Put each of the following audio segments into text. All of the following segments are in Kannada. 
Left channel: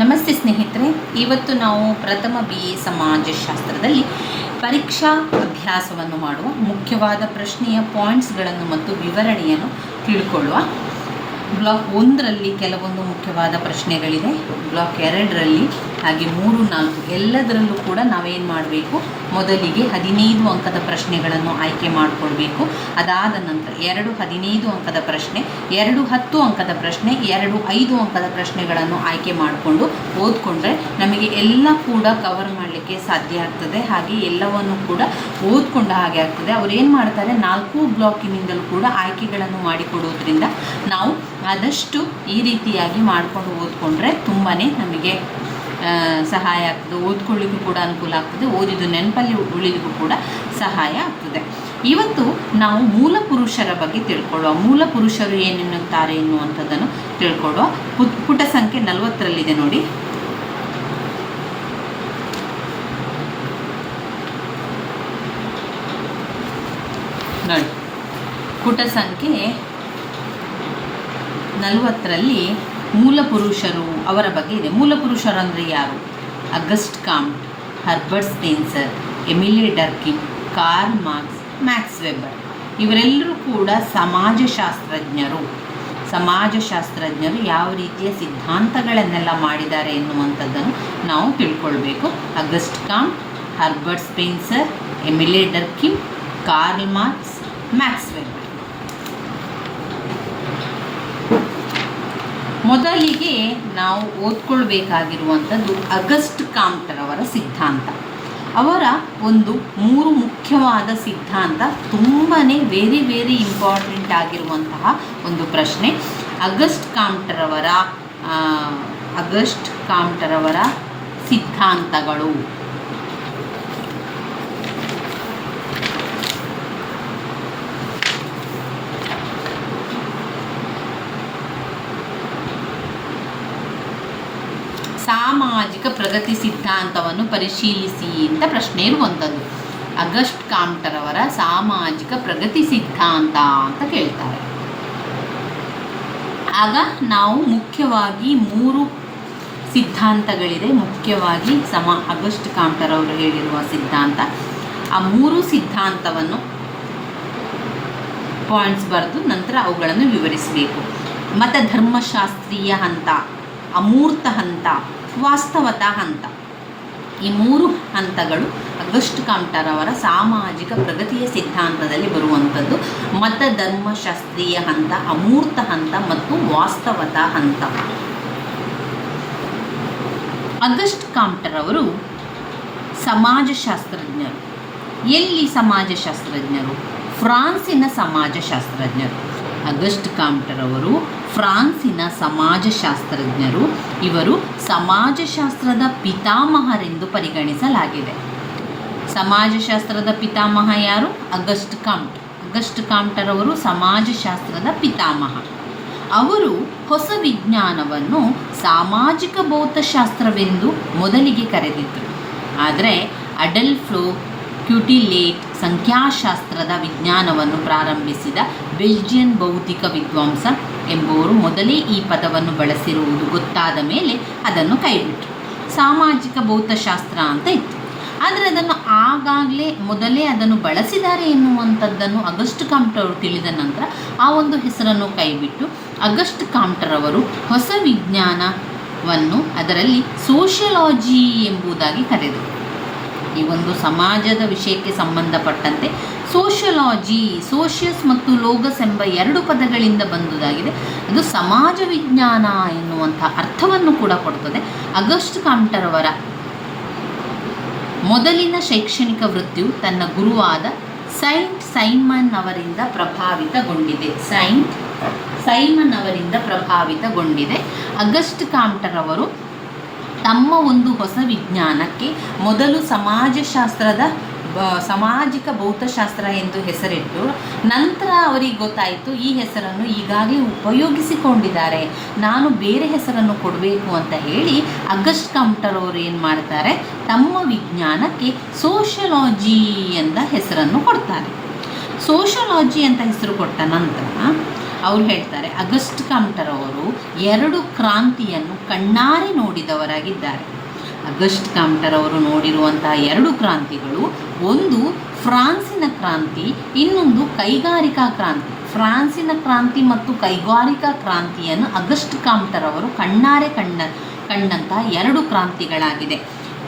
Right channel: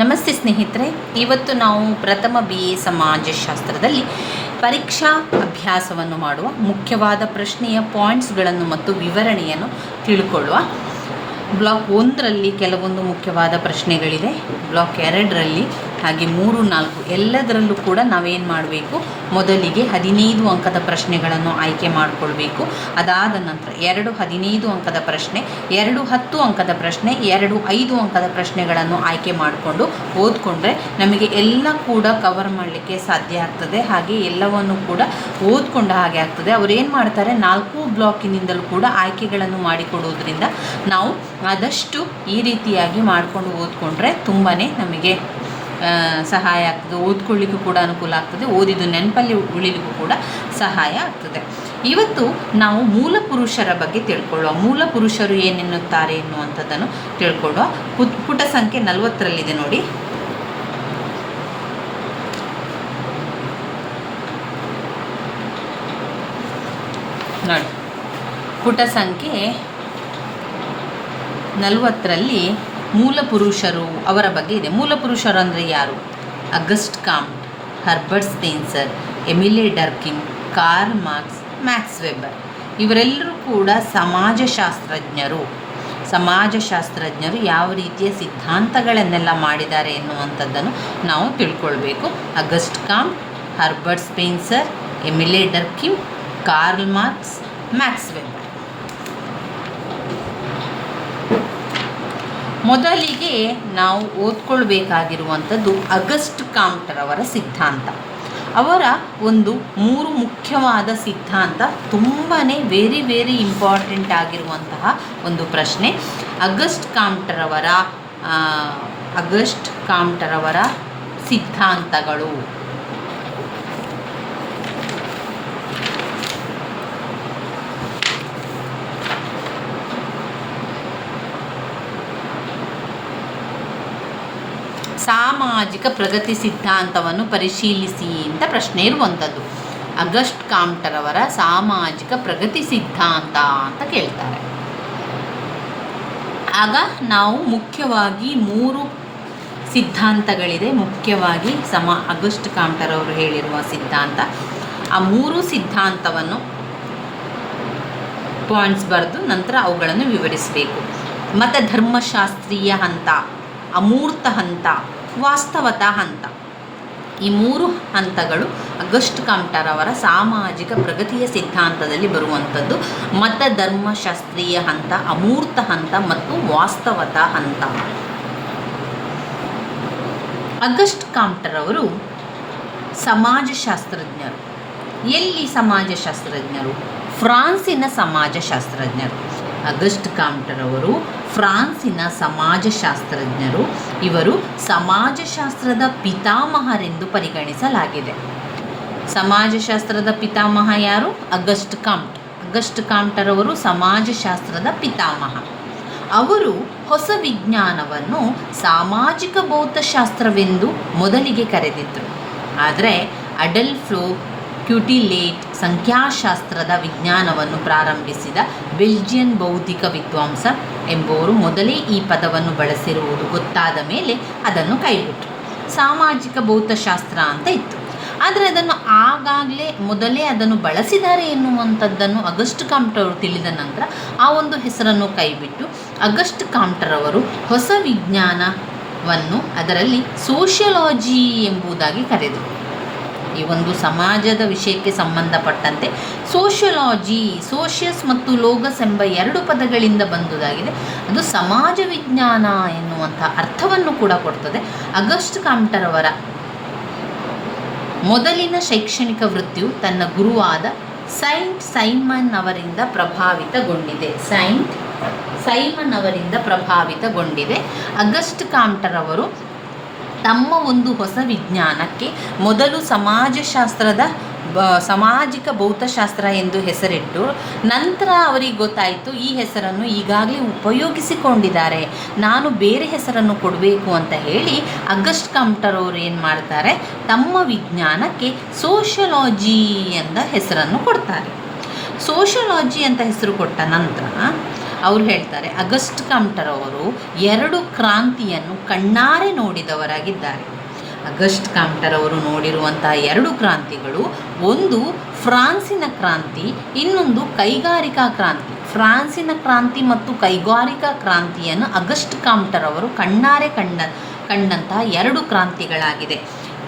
ನಮಸ್ತೆ ಸ್ನೇಹಿತರೆ, ಇವತ್ತು ನಾವು ಪ್ರಥಮ BA ಸಮಾಜಶಾಸ್ತ್ರದಲ್ಲಿ ಪರೀಕ್ಷಾ ಅಭ್ಯಾಸವನ್ನು ಮಾಡುವ ಮುಖ್ಯವಾದ ಪ್ರಶ್ನೆಯ ಪಾಯಿಂಟ್ಸ್ಗಳನ್ನು ಮತ್ತು ವಿವರಣೆಯನ್ನು ತಿಳ್ಕೊಳ್ಳುವ. ಬ್ಲಾಕ್ 1ರಲ್ಲಿ ಕೆಲವೊಂದು ಮುಖ್ಯವಾದ ಪ್ರಶ್ನೆಗಳಿದೆ, ಬ್ಲಾಕ್ 2ರಲ್ಲಿ ಹಾಗೆ 3, 4 ಎಲ್ಲದರಲ್ಲೂ ಕೂಡ ನಾವೇನು ಮಾಡಬೇಕು, ಮೊದಲಿಗೆ 15 ಅಂಕದ ಪ್ರಶ್ನೆಗಳನ್ನು ಆಯ್ಕೆ ಮಾಡಿಕೊಳ್ಬೇಕು. ಅದಾದ ನಂತರ 2 15 ಅಂಕದ ಪ್ರಶ್ನೆ, 2 10 ಅಂಕದ ಪ್ರಶ್ನೆ, 2 5 ಅಂಕದ ಪ್ರಶ್ನೆಗಳನ್ನು ಆಯ್ಕೆ ಮಾಡಿಕೊಂಡು ಓದ್ಕೊಂಡ್ರೆ ನಮಗೆ ಎಲ್ಲ ಕೂಡ ಕವರ್ ಮಾಡಲಿಕ್ಕೆ ಸಾಧ್ಯ ಆಗ್ತದೆ. ಹಾಗೆ ಎಲ್ಲವನ್ನು ಕೂಡ ಓದ್ಕೊಂಡ ಹಾಗೆ ಆಗ್ತದೆ. ಅವ್ರೇನು ಮಾಡ್ತಾರೆ, 4 ಬ್ಲಾಕಿನಿಂದಲೂ ಕೂಡ ಆಯ್ಕೆಗಳನ್ನು ಮಾಡಿಕೊಡೋದ್ರಿಂದ ನಾವು ಆದಷ್ಟು ಈ ರೀತಿಯಾಗಿ ಮಾಡಿಕೊಂಡು ಓದ್ಕೊಂಡ್ರೆ ತುಂಬಾ ನಮಗೆ ಸಹಾಯ ಆಗ್ತದೆ. ಓದ್ಕೊಳ್ಳಿಕ್ಕೂ ಕೂಡ ಅನುಕೂಲ ಆಗ್ತದೆ, ಓದಿದ್ದು ನೆನಪಲ್ಲಿ ಉಳಿಲಿಕ್ಕೂ ಕೂಡ ಸಹಾಯ ಆಗ್ತದೆ. ಇವತ್ತು ನಾವು ಮೂಲ ಪುರುಷರ ಬಗ್ಗೆ ತಿಳ್ಕೊಳ್ಳುವ. ಮೂಲ ಪುರುಷರು ಏನೆನ್ನುತ್ತಾರೆ ಎನ್ನುವಂಥದ್ದನ್ನು ತಿಳ್ಕೊಳ್ಳುವ. ಪುಟ ಸಂಖ್ಯೆ 40ರಲ್ಲಿದೆ ನೋಡಿ. ನೋಡಿ, ಪುಟ ಸಂಖ್ಯೆ 40ರಲ್ಲಿ ಮೂಲ ಪುರುಷರು ಅವರ ಬಗ್ಗೆ ಇದೆ. ಮೂಲ ಪುರುಷರು ಅಂದರೆ ಯಾರು? Auguste Comte, Herbert Spencer, Emile Durkheim, Karl Marx, Max Weber ಇವರೆಲ್ಲರೂ ಕೂಡ ಸಮಾಜಶಾಸ್ತ್ರಜ್ಞರು ಯಾವ ರೀತಿಯ ಸಿದ್ಧಾಂತಗಳನ್ನೆಲ್ಲ ಮಾಡಿದ್ದಾರೆ ಎನ್ನುವಂಥದ್ದನ್ನು ನಾವು ತಿಳ್ಕೊಳ್ಬೇಕು. Auguste Comte, Herbert Spencer, Emile Durkheim, Karl Marx, Max Weber. ಮೊದಲಿಗೆ ನಾವು ಓದ್ಕೊಳ್ಬೇಕಾಗಿರುವಂಥದ್ದು ಅಗಸ್ಟ್ ಕಾಮ್ಟ್ರವರ ಸಿದ್ಧಾಂತ. ಅವರ ಒಂದು 3 ಮುಖ್ಯವಾದ ಸಿದ್ಧಾಂತ ತುಂಬಾ ವೆರಿ ಇಂಪಾರ್ಟೆಂಟ್ ಆಗಿರುವಂತಹ ಒಂದು ಪ್ರಶ್ನೆ. ಅಗಸ್ಟ್ ಕಾಮ್ಟ್ರವರ ಸಿದ್ಧಾಂತಗಳು. ಸಾಮಾಜಿಕ ಪ್ರಗತಿ ಸಿದ್ಧಾಂತವನ್ನು ಪರಿಶೀಲಿಸಿ ಅಂತ ಪ್ರಶ್ನೆ ಇರುವಂಥದ್ದು. ಅಗಸ್ಟ್ ಕಾಮ್ಟ್ರವರ ಸಾಮಾಜಿಕ ಪ್ರಗತಿ ಸಿದ್ಧಾಂತ ಅಂತ ಕೇಳ್ತಾರೆ. ಆಗ ನಾವು ಮುಖ್ಯವಾಗಿ 3 ಸಿದ್ಧಾಂತಗಳಿದೆ. ಮುಖ್ಯವಾಗಿ ಅಗಸ್ಟ್ ಕಾಮ್ಟ್ರವರು ಹೇಳಿರುವ ಸಿದ್ಧಾಂತ. ಆ 3 ಸಿದ್ಧಾಂತವನ್ನು ಪಾಯಿಂಟ್ಸ್ ಬರೆದು ನಂತರ ಅವುಗಳನ್ನು ವಿವರಿಸಬೇಕು. ಮತಧರ್ಮಶಾಸ್ತ್ರೀಯ ಹಂತ, ಅಮೂರ್ತ ಹಂತ, ವಾಸ್ತವತಾ ಹಂತ. ಈ 3 ಹಂತಗಳು ಅಗಸ್ಟ್ ಕಾಮ್ಟ್ರವರ ಸಾಮಾಜಿಕ ಪ್ರಗತಿಯ ಸಿದ್ಧಾಂತದಲ್ಲಿ ಬರುವಂಥದ್ದು. ಮತಧರ್ಮಶಾಸ್ತ್ರೀಯ ಹಂತ, ಅಮೂರ್ತ ಹಂತ ಮತ್ತು ವಾಸ್ತವತಾ ಹಂತ. ಅಗಸ್ಟ್ ಕಾಮ್ಟ್ರವರು ಸಮಾಜಶಾಸ್ತ್ರಜ್ಞರು. ಎಲ್ಲಿ ಸಮಾಜಶಾಸ್ತ್ರಜ್ಞರು? ಫ್ರಾನ್ಸಿನ ಸಮಾಜಶಾಸ್ತ್ರಜ್ಞರು. ಅಗಸ್ಟ್ ಕಾಮ್ಟ್ರವರು ಫ್ರಾನ್ಸಿನ ಸಮಾಜಶಾಸ್ತ್ರಜ್ಞರು. ಇವರು ಸಮಾಜಶಾಸ್ತ್ರದ ಪಿತಾಮಹರೆಂದು ಪರಿಗಣಿಸಲಾಗಿದೆ. ಸಮಾಜಶಾಸ್ತ್ರದ ಪಿತಾಮಹ ಯಾರು? ಅಗಸ್ಟ್ ಕಾಮ್ಟ್. ಅಗಸ್ಟ್ ಕಾಮ್ಟ್ರವರು ಸಮಾಜಶಾಸ್ತ್ರದ ಪಿತಾಮಹ. ಅವರು ಹೊಸ ವಿಜ್ಞಾನವನ್ನು ಸಾಮಾಜಿಕ ಭೌತಶಾಸ್ತ್ರವೆಂದು ಮೊದಲಿಗೆ ಕರೆದಿದ್ದರು. ಆದರೆ ಅಡಲ್ಫ್ ಕ್ಯೂಟಿಲೇಟ್ ಸಂಖ್ಯಾಶಾಸ್ತ್ರದ ವಿಜ್ಞಾನವನ್ನು ಪ್ರಾರಂಭಿಸಿದ ಬೆಲ್ಜಿಯನ್ ಭೌತಿಕ ವಿದ್ವಾಂಸ ಎಂಬುವರು ಮೊದಲೇ ಈ ಪದವನ್ನು ಬಳಸಿರುವುದು ಗೊತ್ತಾದ ಮೇಲೆ ಅದನ್ನು ಕೈಬಿಟ್ಟರು. ಸಾಮಾಜಿಕ ಭೌತಶಾಸ್ತ್ರ ಅಂತ ಇತ್ತು, ಆದರೆ ಅದನ್ನು ಮೊದಲೇ ಅದನ್ನು ಬಳಸಿದ್ದಾರೆ ಎನ್ನುವಂಥದ್ದನ್ನು ಅಗಸ್ಟ್ ಕಾಮ್ಟ್ರವರು ತಿಳಿದ ನಂತರ ಆ ಒಂದು ಹೆಸರನ್ನು ಕೈಬಿಟ್ಟು ಅಗಸ್ಟ್ ಕಾಮ್ಟ್ರವರು ಹೊಸ ವಿಜ್ಞಾನವನ್ನು ಅದರಲ್ಲಿ ಸೋಷಿಯಾಲಜಿ ಎಂಬುದಾಗಿ ಕರೆದರು. ಈ ಒಂದು ಸಮಾಜದ ವಿಷಯಕ್ಕೆ ಸಂಬಂಧಪಟ್ಟಂತೆ ಸೋಷಿಯಾಲಜಿ, ಸೋಷಿಯಸ್ ಮತ್ತು ಲೋಗಸ್ ಎಂಬ 2 ಪದಗಳಿಂದ ಬಂದುದಾಗಿದೆ. ಅದು ಸಮಾಜ ವಿಜ್ಞಾನ ಎನ್ನುವಂಥ ಅರ್ಥವನ್ನು ಕೂಡ ಕೊಡ್ತದೆ. ಅಗಸ್ಟ್ ಕಾಮ್ಟ್ರವರ ಮೊದಲಿನ ಶೈಕ್ಷಣಿಕ ವೃತ್ತಿಯು ತನ್ನ ಗುರುವಾದ ಸೈಂಟ್ ಸೈಮನ್ ಅವರಿಂದ ಪ್ರಭಾವಿತಗೊಂಡಿದೆ. ಅಗಸ್ಟ್ ಕಾಮ್ಟ್ರವರು ತಮ್ಮ ಒಂದು ಹೊಸ ವಿಜ್ಞಾನಕ್ಕೆ ಮೊದಲು ಸಾಮಾಜಿಕ ಭೌತಶಾಸ್ತ್ರ ಎಂದು ಹೆಸರಿಟ್ಟು ನಂತರ ಅವರಿಗೆ ಗೊತ್ತಾಯಿತು ಈ ಹೆಸರನ್ನು ಈಗಾಗಲೇ ಉಪಯೋಗಿಸಿಕೊಂಡಿದ್ದಾರೆ, ನಾನು ಬೇರೆ ಹೆಸರನ್ನು ಕೊಡಬೇಕು ಅಂತ ಹೇಳಿ ಅಗಸ್ಟ್ ಕಾಮ್ಟ್ರವರು ಏನು ಮಾಡ್ತಾರೆ, ತಮ್ಮ ವಿಜ್ಞಾನಕ್ಕೆ ಸೋಷಿಯಾಲಜಿ ಎಂದ ಹೆಸರನ್ನು ಕೊಡ್ತಾರೆ. ಸೋಷಿಯಾಲಜಿ ಅಂತ ಹೆಸರು ಕೊಟ್ಟ ನಂತರ ಅವರು ಹೇಳ್ತಾರೆ, ಅಗಸ್ಟ್ ಕಾಮ್ಟರ್ ಅವರು 2 ಕ್ರಾಂತಿಯನ್ನು ಕಣ್ಣಾರೆ ನೋಡಿದವರಾಗಿದ್ದಾರೆ. ಅಗಸ್ಟ್ ಕಾಮ್ಟರ್ ಅವರು ನೋಡಿರುವಂತಹ 2 ಕ್ರಾಂತಿಗಳು, ಒಂದು ಫ್ರಾನ್ಸಿನ ಕ್ರಾಂತಿ, ಇನ್ನೊಂದು ಕೈಗಾರಿಕಾ ಕ್ರಾಂತಿ. ಫ್ರಾನ್ಸಿನ ಕ್ರಾಂತಿ ಮತ್ತು ಕೈಗಾರಿಕಾ ಕ್ರಾಂತಿಯನ್ನು ಅಗಸ್ಟ್ ಕಾಮ್ಟರ್ ಅವರು ಕಣ್ಣಾರೆ ಕಂಡಂತಹ 2 ಕ್ರಾಂತಿಗಳಾಗಿದೆ.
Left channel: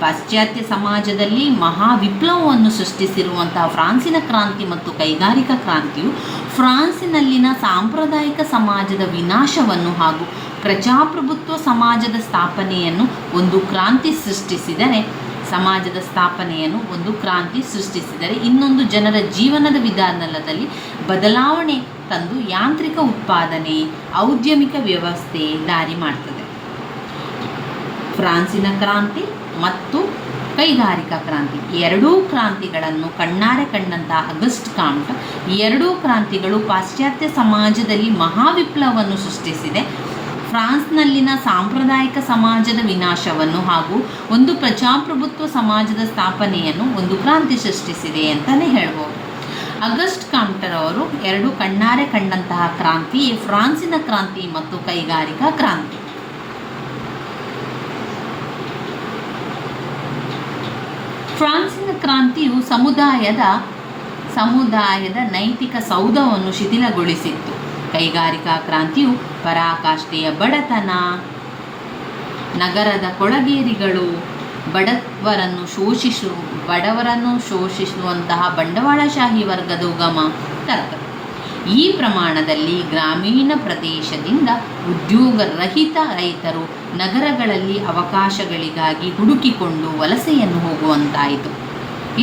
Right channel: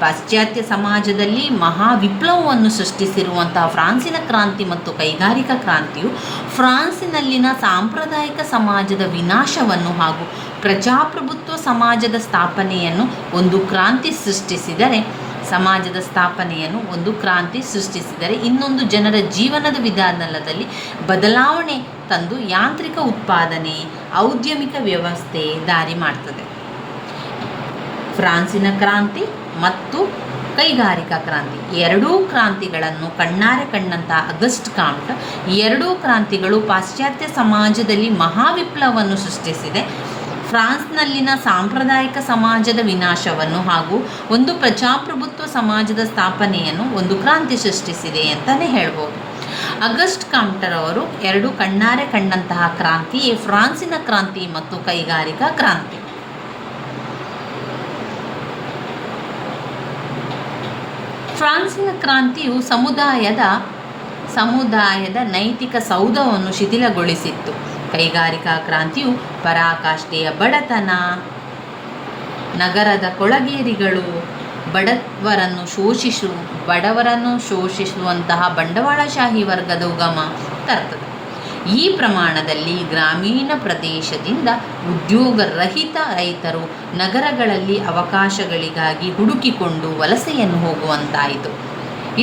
ಪಾಶ್ಚಾತ್ಯ ಸಮಾಜದಲ್ಲಿ ಮಹಾ ವಿಪ್ಲವವನ್ನು ಸೃಷ್ಟಿಸಿರುವಂತಹ ಫ್ರಾನ್ಸಿನ ಕ್ರಾಂತಿ ಮತ್ತು ಕೈಗಾರಿಕಾ ಕ್ರಾಂತಿಯು ಫ್ರಾನ್ಸಿನಲ್ಲಿನ ಸಾಂಪ್ರದಾಯಿಕ ಸಮಾಜದ ವಿನಾಶವನ್ನು ಹಾಗೂ ಪ್ರಜಾಪ್ರಭುತ್ವ ಸಮಾಜದ ಸ್ಥಾಪನೆಯನ್ನು ಒಂದು ಕ್ರಾಂತಿ ಸೃಷ್ಟಿಸಿದರೆ ಇನ್ನೊಂದು ಜನರ ಜೀವನದ ವಿಧಾನದಲ್ಲಿ ಬದಲಾವಣೆ ತಂದು ಯಾಂತ್ರಿಕ ಉತ್ಪಾದನೆ, ಔದ್ಯಮಿಕ ವ್ಯವಸ್ಥೆ ದಾರಿ ಮಾಡ್ತದೆ. ಫ್ರಾನ್ಸಿನ ಕ್ರಾಂತಿ ಮತ್ತು ಕೈಗಾರಿಕಾ ಕ್ರಾಂತಿ 2 ಕ್ರಾಂತಿಗಳನ್ನು ಕಣ್ಣಾರೆ ಕಂಡಂತಹ ಅಗಸ್ಟ್ ಕಾಮ್ಟ್, 2 ಕ್ರಾಂತಿಗಳು ಪಾಶ್ಚಾತ್ಯ ಸಮಾಜದಲ್ಲಿ ಮಹಾವಿಪ್ಲವವನ್ನು ಸೃಷ್ಟಿಸಿದೆ, ಫ್ರಾನ್ಸ್ನಲ್ಲಿನ ಸಾಂಪ್ರದಾಯಿಕ ಸಮಾಜದ ವಿನಾಶವನ್ನು ಹಾಗೂ ಒಂದು ಪ್ರಜಾಪ್ರಭುತ್ವ ಸಮಾಜದ ಸ್ಥಾಪನೆಯನ್ನು ಒಂದು ಕ್ರಾಂತಿ ಸೃಷ್ಟಿಸಿದೆ ಅಂತಲೇ ಹೇಳ್ಬೋದು. ಅಗಸ್ಟ್ ಕಾಮ್ಟರ್ ಅವರು 2 ಕಣ್ಣಾರೆ ಕಂಡಂತಹ ಕ್ರಾಂತಿಯೇ ಫ್ರಾನ್ಸಿನ ಕ್ರಾಂತಿ ಮತ್ತು ಕೈಗಾರಿಕಾ ಕ್ರಾಂತಿ. ಫ್ರಾನ್ಸಿನ ಕ್ರಾಂತಿಯು ಸಮುದಾಯದ ನೈತಿಕ ಸೌಧವನ್ನು ಶಿಥಿಲಗೊಳಿಸಿತ್ತು. ಕೈಗಾರಿಕಾ ಕ್ರಾಂತಿಯು ಪರಾಕಾಷ್ಠೆಯ ಬಡತನ, ನಗರದ ಕೊಳಗೇರಿಗಳು, ಬಡವರನ್ನು ಶೋಷಿಸುವಂತಹ ಬಂಡವಾಳಶಾಹಿ ವರ್ಗದ ಉಗಮ ತರ್ತದೆ. ಈ ಪ್ರಮಾಣದಲ್ಲಿ ಗ್ರಾಮೀಣ ಪ್ರದೇಶದಿಂದ ಉದ್ಯೋಗರಹಿತ ರೈತರು ನಗರಗಳಲ್ಲಿ ಅವಕಾಶಗಳಿಗಾಗಿ ಹುಡುಕಿಕೊಂಡು ವಲಸೆಯನ್ನು ಹೋಗುವಂತಾಯಿತು.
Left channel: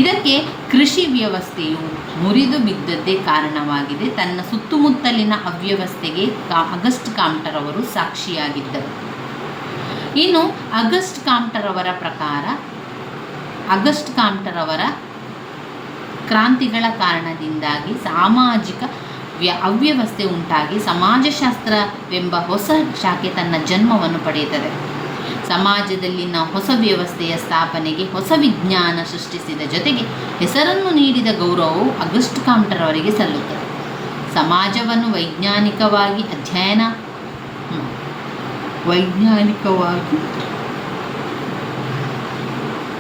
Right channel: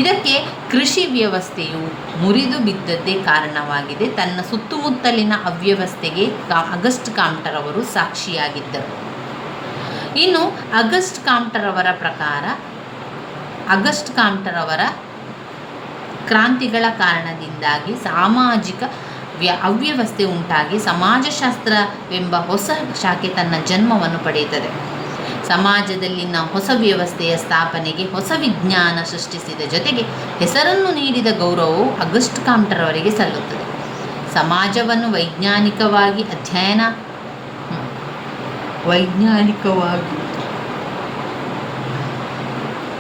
ಇದಕ್ಕೆ ಕೃಷಿ ವ್ಯವಸ್ಥೆಯು ಮುರಿದು ಬಿದ್ದದ್ದೇ ಕಾರಣವಾಗಿದೆ. ತನ್ನ ಸುತ್ತಮುತ್ತಲಿನ ಅವ್ಯವಸ್ಥೆಗೆ ಅಗಸ್ಟ್ ಕಾಮ್ಟರ್ ಅವರು ಸಾಕ್ಷಿಯಾಗಿದ್ದರು. ಇನ್ನು ಅಗಸ್ಟ್ ಕಾಮ್ಟರ್ ಅವರ ಪ್ರಕಾರ ಅಗಸ್ಟ್ ಕಾಮ್ಟರ್ ಅವರ ಕ್ರಾಂತಿಗಳ ಕಾರಣದಿಂದಾಗಿ ಸಾಮಾಜಿಕ ಅವ್ಯವಸ್ಥೆ ಉಂಟಾಗಿ ಸಮಾಜಶಾಸ್ತ್ರವೆಂಬ ಹೊಸ ಶಾಖೆ ತನ್ನ ಜನ್ಮವನ್ನು ಪಡೆಯುತ್ತದೆ. ಸಮಾಜದಲ್ಲಿನ ಹೊಸ ವ್ಯವಸ್ಥೆಯ ಸ್ಥಾಪನೆಗೆ ಹೊಸ ವಿಜ್ಞಾನ ಸೃಷ್ಟಿಸಿದ ಜೊತೆಗೆ ಹೆಸರನ್ನು ನೀಡಿದ ಗೌರವವು ಅಗಸ್ಟ್ ಕಾಮ್ಟರ್ ಅವರಿಗೆ ಸಲ್ಲುತ್ತದೆ. ಸಮಾಜವನ್ನು ವೈಜ್ಞಾನಿಕವಾಗಿ